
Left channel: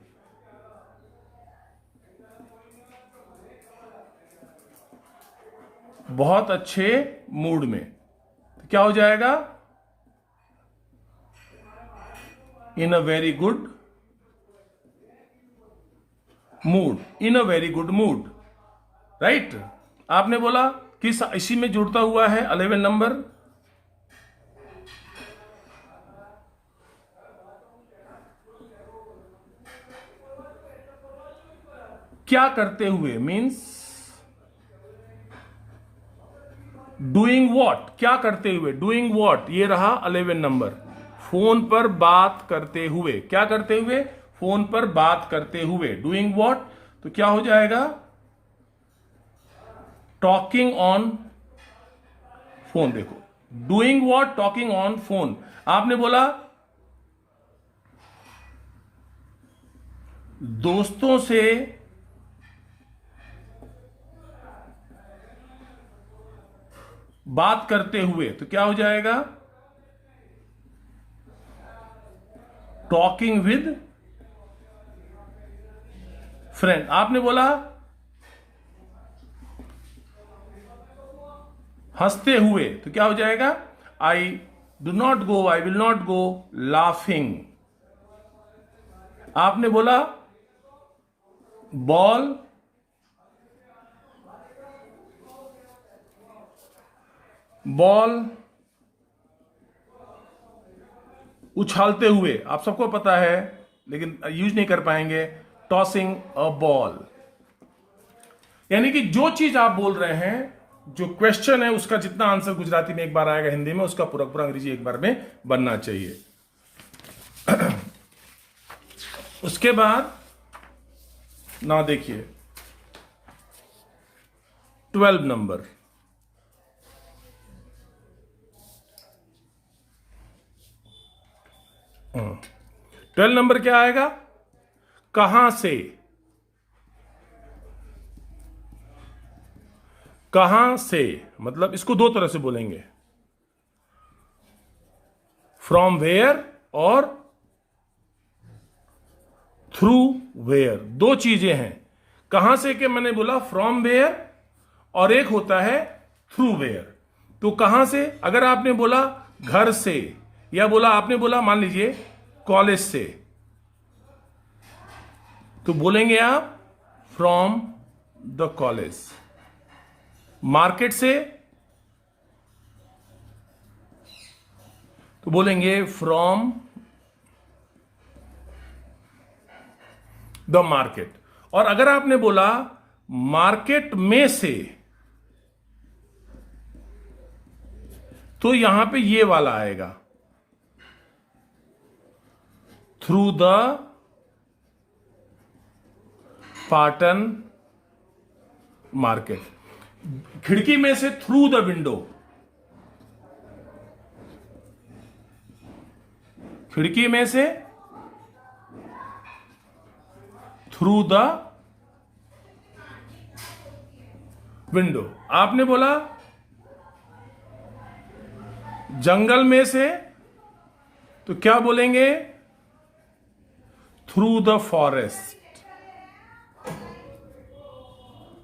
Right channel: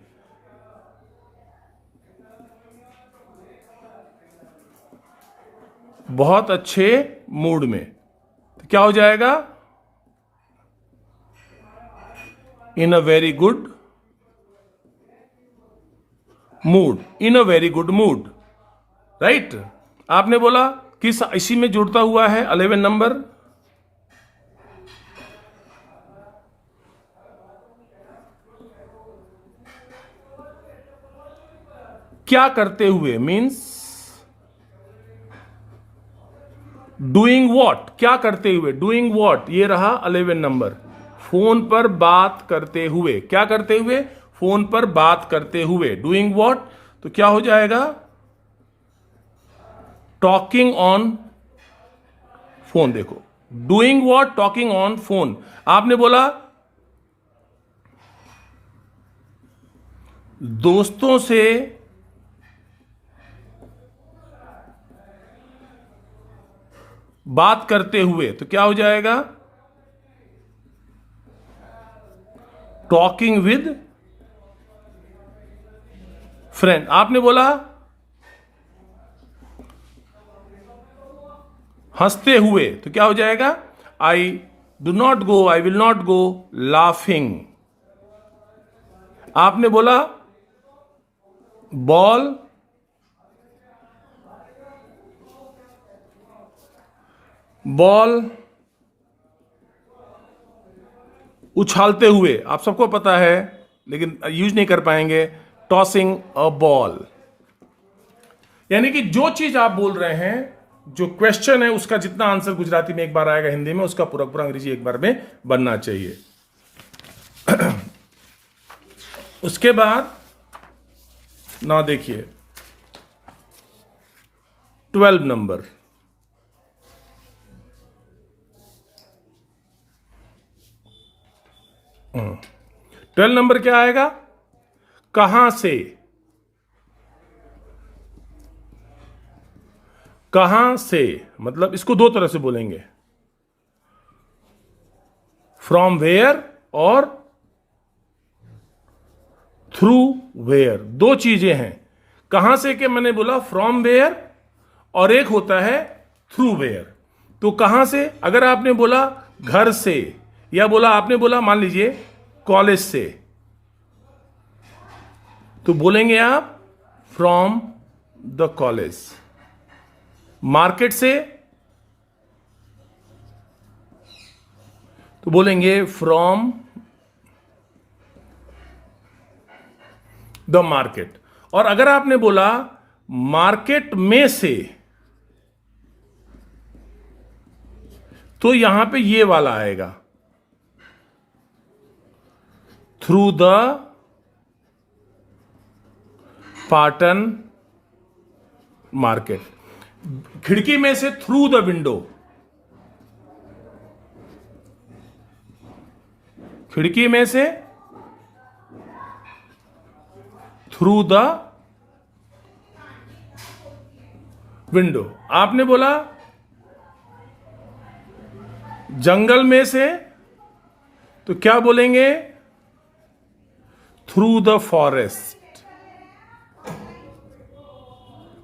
बहुत अच्छे मूड में। तो क्या हो जाएगा, in a very good mood, in a very good mood, right. आपने बोला किस, इसी में जुड़ता हुआ है 11 नंबर, क्या करते हुए मीन्स डूइंग वॉट, क्या करते हुए, डूइंग वॉट, ये रहा 11 नंबर। फोन पर बात करते हुए, क्या करते हुए, फोन पर बात करते हुए, डूइंग वॉट, तो क्या हो जाएगा, टॉकिंग ऑन फोन। देखो, doing what, talking on phone. आपने बोला दोस्तों से बात करते हुए, तो क्या हो जाएगा, टॉकिंग विद फ्रेंड। आपने बोला हंसते हुए, तो क्या हो जाएगा, I do not go, I will not go laughing. आपने बोला बॉल उछालते हुए, आप सबको पता है लेकिन यूज नहीं कर पाएंगे, टॉसिंग अ बॉल। यानी कि जो चीज आप बोल रहे हैं, जो क्वेश्चन है उसका जितना आंसर गुजराती में एक बार आएगा, हिंदी में उसका पूरा पूरा अंग्रेजी एक बार में बनना चाहिए। उसके बाद ना देखिए 12 नंबर, ट्वेल्व नंबर क्या आएगा, कहां से, कहां से, मतलब इसको दो तरह से बोलेंगे, फ्रॉम वेयर और थ्रू वेयर। दो चीजें हैं, कहां से के मैंने बोला फ्रॉम वेयर, और एक होता है थ्रू वेयर। तो कहां से, अगर आपने बोला घर से, या बोला आपने बोला मान लीजिए कॉलेज से, तो बोलेंगे आप फ्रॉम द कॉलेज। मार्केट से तो बोलेंगे फ्रॉम द मार्केट। और अगर आपने बोला मार्केट में से, तो यहां पे ये वाला आएगा, थ्रू द पाटन मार्केट। खिड़की में से थ्रू द विंडो, खिड़की में से थ्रू द विंडो। आपने बोला जंगल में से, तो क्या बोलेंगे, through the forest,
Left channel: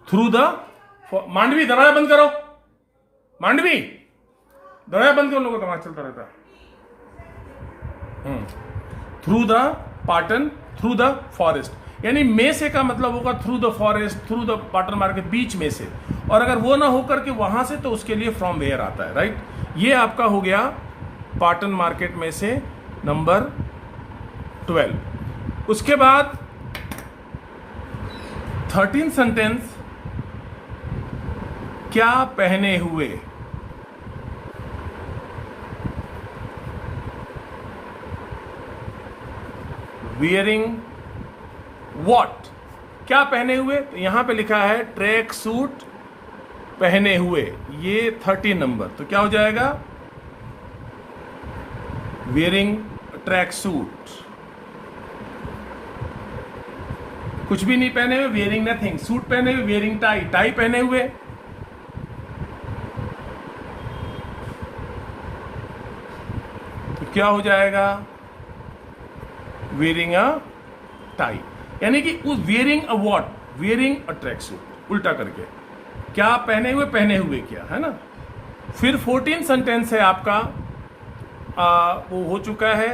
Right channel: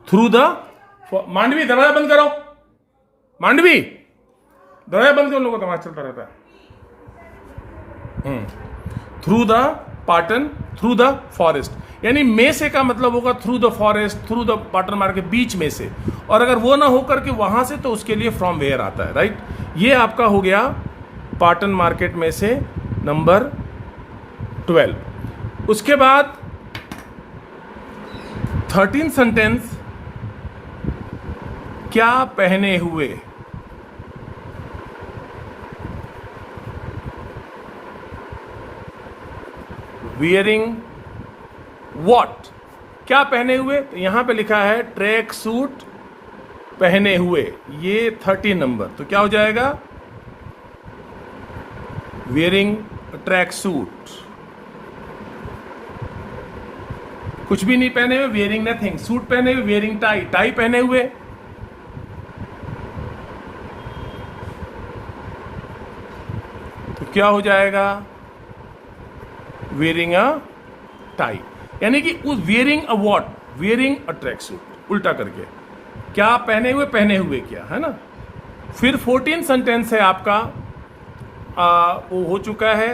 through the. Mandvi दरवाजा बंद करो, मांडवी दरवाजा बंद करो, लोगों का तमाशा चलता रहता है। Through the Patan, through the forest. यानी में से का मतलब होगा through the forest, through the Patan market, बीच में से। और अगर वो ना होकर के वहां से, तो उसके लिए फ्रॉम वेयर आता है, राइट। ये आपका हो गया पाटन मार्केट में से नंबर 12। उसके बाद 13 सेंटेंस, क्या पहने हुए, वियरिंग वॉट, क्या पहने हुए, तो यहां पे लिखा है ट्रैक सूट पहने हुए, ये 30 नंबर। तो क्या हो जाएगा, वियरिंग ट्रैक सूट। कुछ भी नहीं पहने हुए, वियरिंग नथिंग। सूट पहने हुए, वियरिंग टाई, टाई पहने हुए, तो क्या हो जाएगा, वियरिंग अ टाई। यानी कि उस wearing a what, wearing a track suit, उल्टा करके, क्या पहने हुए, पहने हुए क्या, है ना। फिर 14 सेंटेंस है आपका, वो हो चुका है,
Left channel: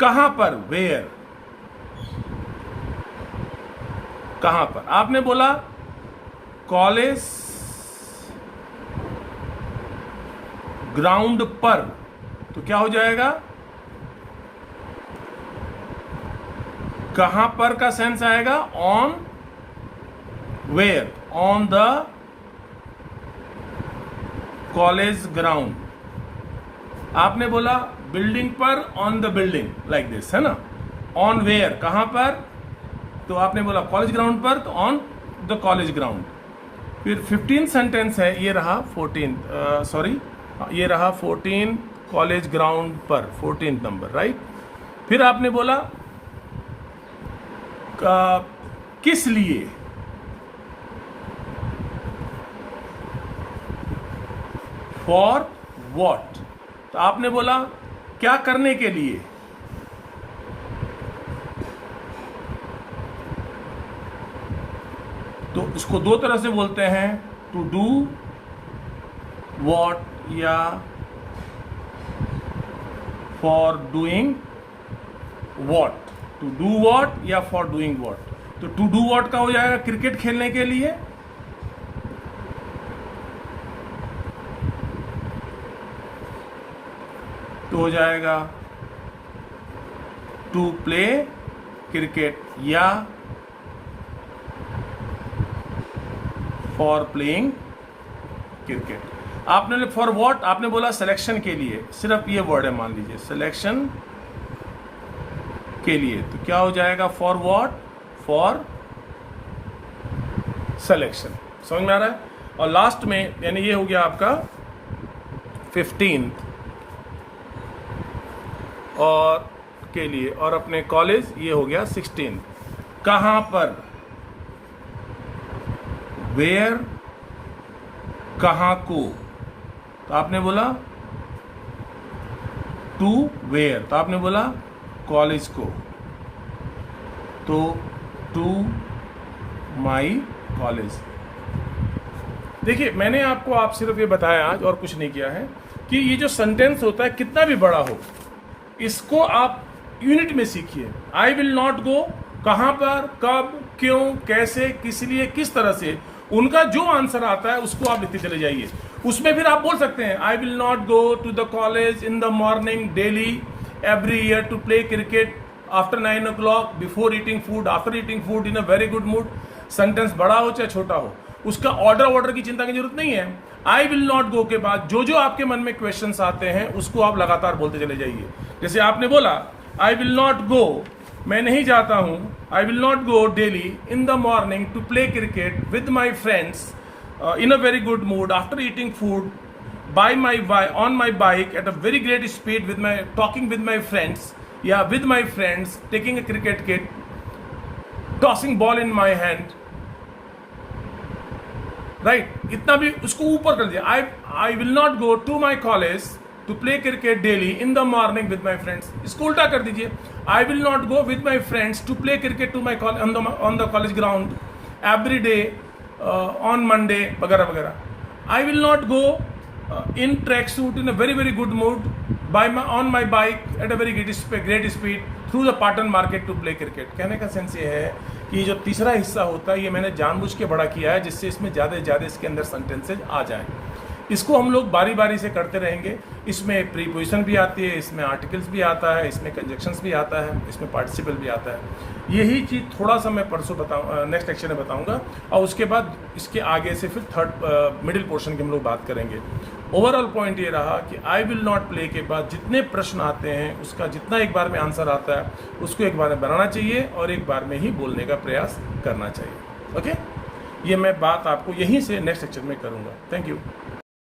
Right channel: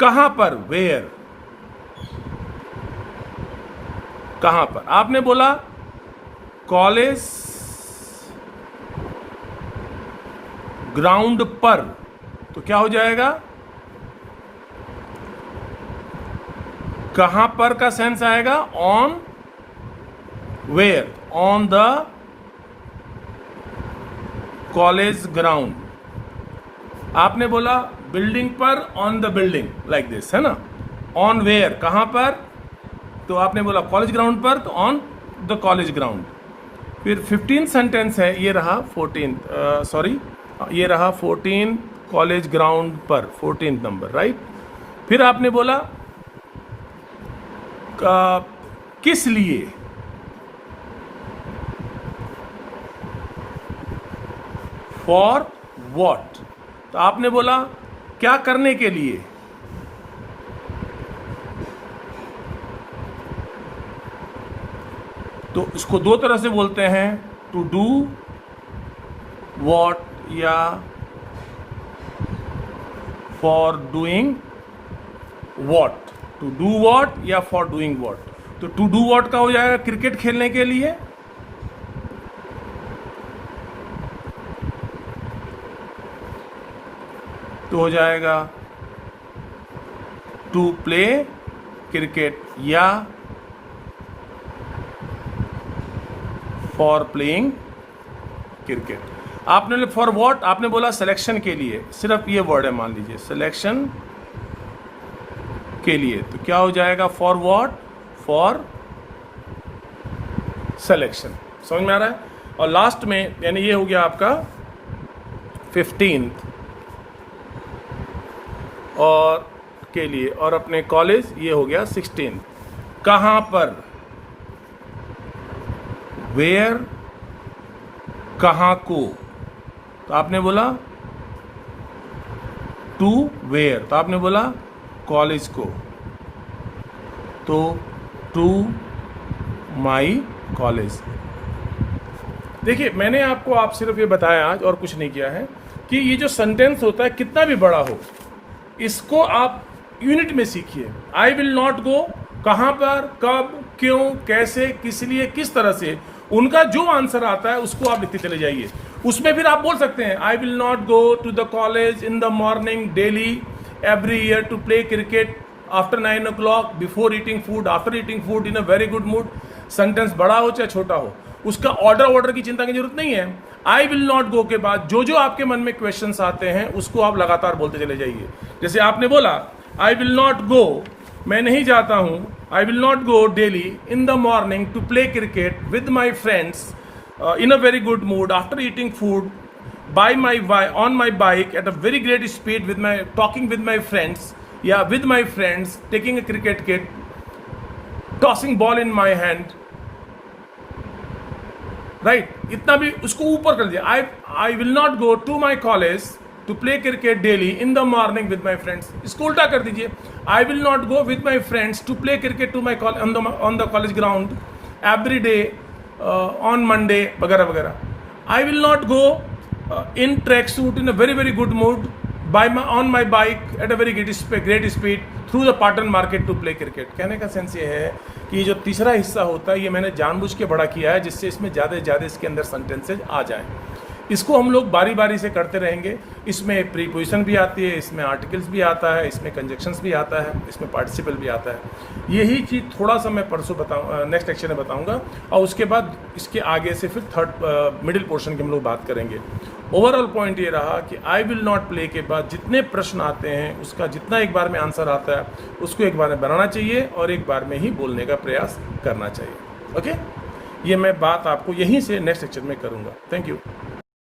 कहां पर, वेयर, कहां पर। आपने बोला कॉलेज ग्राउंड पर, तो क्या हो जाएगा, कहां पर का सेंस आएगा, on where, on the college ground. आपने बोला बिल्डिंग पर, on the building, like this, है ना। ऑन वेयर, कहां पर, तो आपने बोला कॉलेज ग्राउंड पर, तो ऑन द कॉलेज ग्राउंड। फिर 15 सेंटेंस है, ये रहा 14, ये रहा 14 कॉलेज ग्राउंड पर, 14 नंबर, राइट। फिर आपने बोला किस लिए, फॉर वॉट, तो आपने बोला क्या करने के लिए, तो इसको दो तरह से बोलते हैं, टू डू वॉट या for doing what, to do what या फॉर डूइंग वॉट। तो टू डू वॉट का हो जाएगा क्रिकेट खेलने के लिए, तो हो जाएगा टू प्ले क्रिकेट या फॉर प्लेइंग क्रिकेट। आपने फॉर व्हाट, आपने बोला सिलेक्शन के लिए, सिर्फ ये वर्ड है, मान लीजिए सिलेक्शन के लिए, तो क्या हो जाएगा फॉर व्हाट, फॉर सिलेक्शन। समझ में आ रहा है। और लास्ट में यानी ये हो गया आपका 15 और के लिए, और अपने कॉलेज ये हो गया 16। कहां पर, वेयर, कहां को, तो आपने बोला टू वेयर, तो आपने बोला कॉलेज को, तो टू माई कॉलेज। देखिए मैंने आपको आप सिर्फ ये बताया आज, और कुछ नहीं किया है, कि ये जो सेंटेंस होता है कितना भी बड़ा हो, इसको आप यूनिट में सीखिए। आई विल नॉट गो, कहां पर, कब, क्यों, कैसे, किस लिए, किस तरह से, उनका जो आंसर आता है उसको आप लिखते चले जाइए। उसमें फिर आप बोल सकते हैं I will not go to the college in the morning daily every year to play cricket after 9 o'clock before eating food, after eating food, in a very good mood. Sentence बड़ा हो चाहे छोटा हो, उसका ऑर्डर की चिंता की जरूरत नहीं है। आई विल नॉट गो के बाद जो जो आपके मन में क्वेश्चंस आते हैं उसको आप लगातार बोलते चले जाइए। जैसे आपने बोला आई विल नॉट गो, मैं नहीं जाता हूं, I will not go daily in the morning to play cricket with my friends in a very good mood after eating food on my bike at a very great speed with my talking with my friends, with my friends, taking a cricket kit, tossing ball in my hand, right। इतना भी उसको ऊपर कर दिया। I will not go to my college to play cricket daily in the morning with my friends, इसको उल्टा कर दीजिए। I will not go with my friends to play cricket to my on the college ground every day on Monday वगैरह वगैरह। I will not go in tracksuit in a very good mood on my bike at a very great speed through the Patan market to play cricket। कहने का sense ये है कि ये जो तीसरा हिस्सा होता है ये मैंने जानबूझ के बड़ा किया है, जिससे इसमें ज़्यादा से ज़्यादा इसके अंदर सेंटेंसेज आ जाए। इसको हम लोग बारी बारी से करते रहेंगे। इसमें प्रीपोजिशन भी आती है, इसमें आर्टिकल्स भी आता है, इसमें कंजक्शंस भी आता है, इसमें पार्टिसिपल भी आता है। यही चीज़ थोड़ा सा मैं परसों नेक्स्ट लेक्चर में बताऊंगा, और उसके बाद इसके आगे से फिर थर्ड मिडिल पोर्शन की हम लोग बात करेंगे। ओवरऑल पॉइंट ये रहा कि आई विल नॉट प्ले के बाद जितने प्रश्न आते हैं उसका जितना एक बार में आंसर आता है उसको एक बार में बनाना चाहिए और एक बार में ही बोलने का प्रयास करना चाहिए। ओके, ये मैं बात आपको यहीं से नेक्स्ट लेक्चर में करूँगा। Thank you.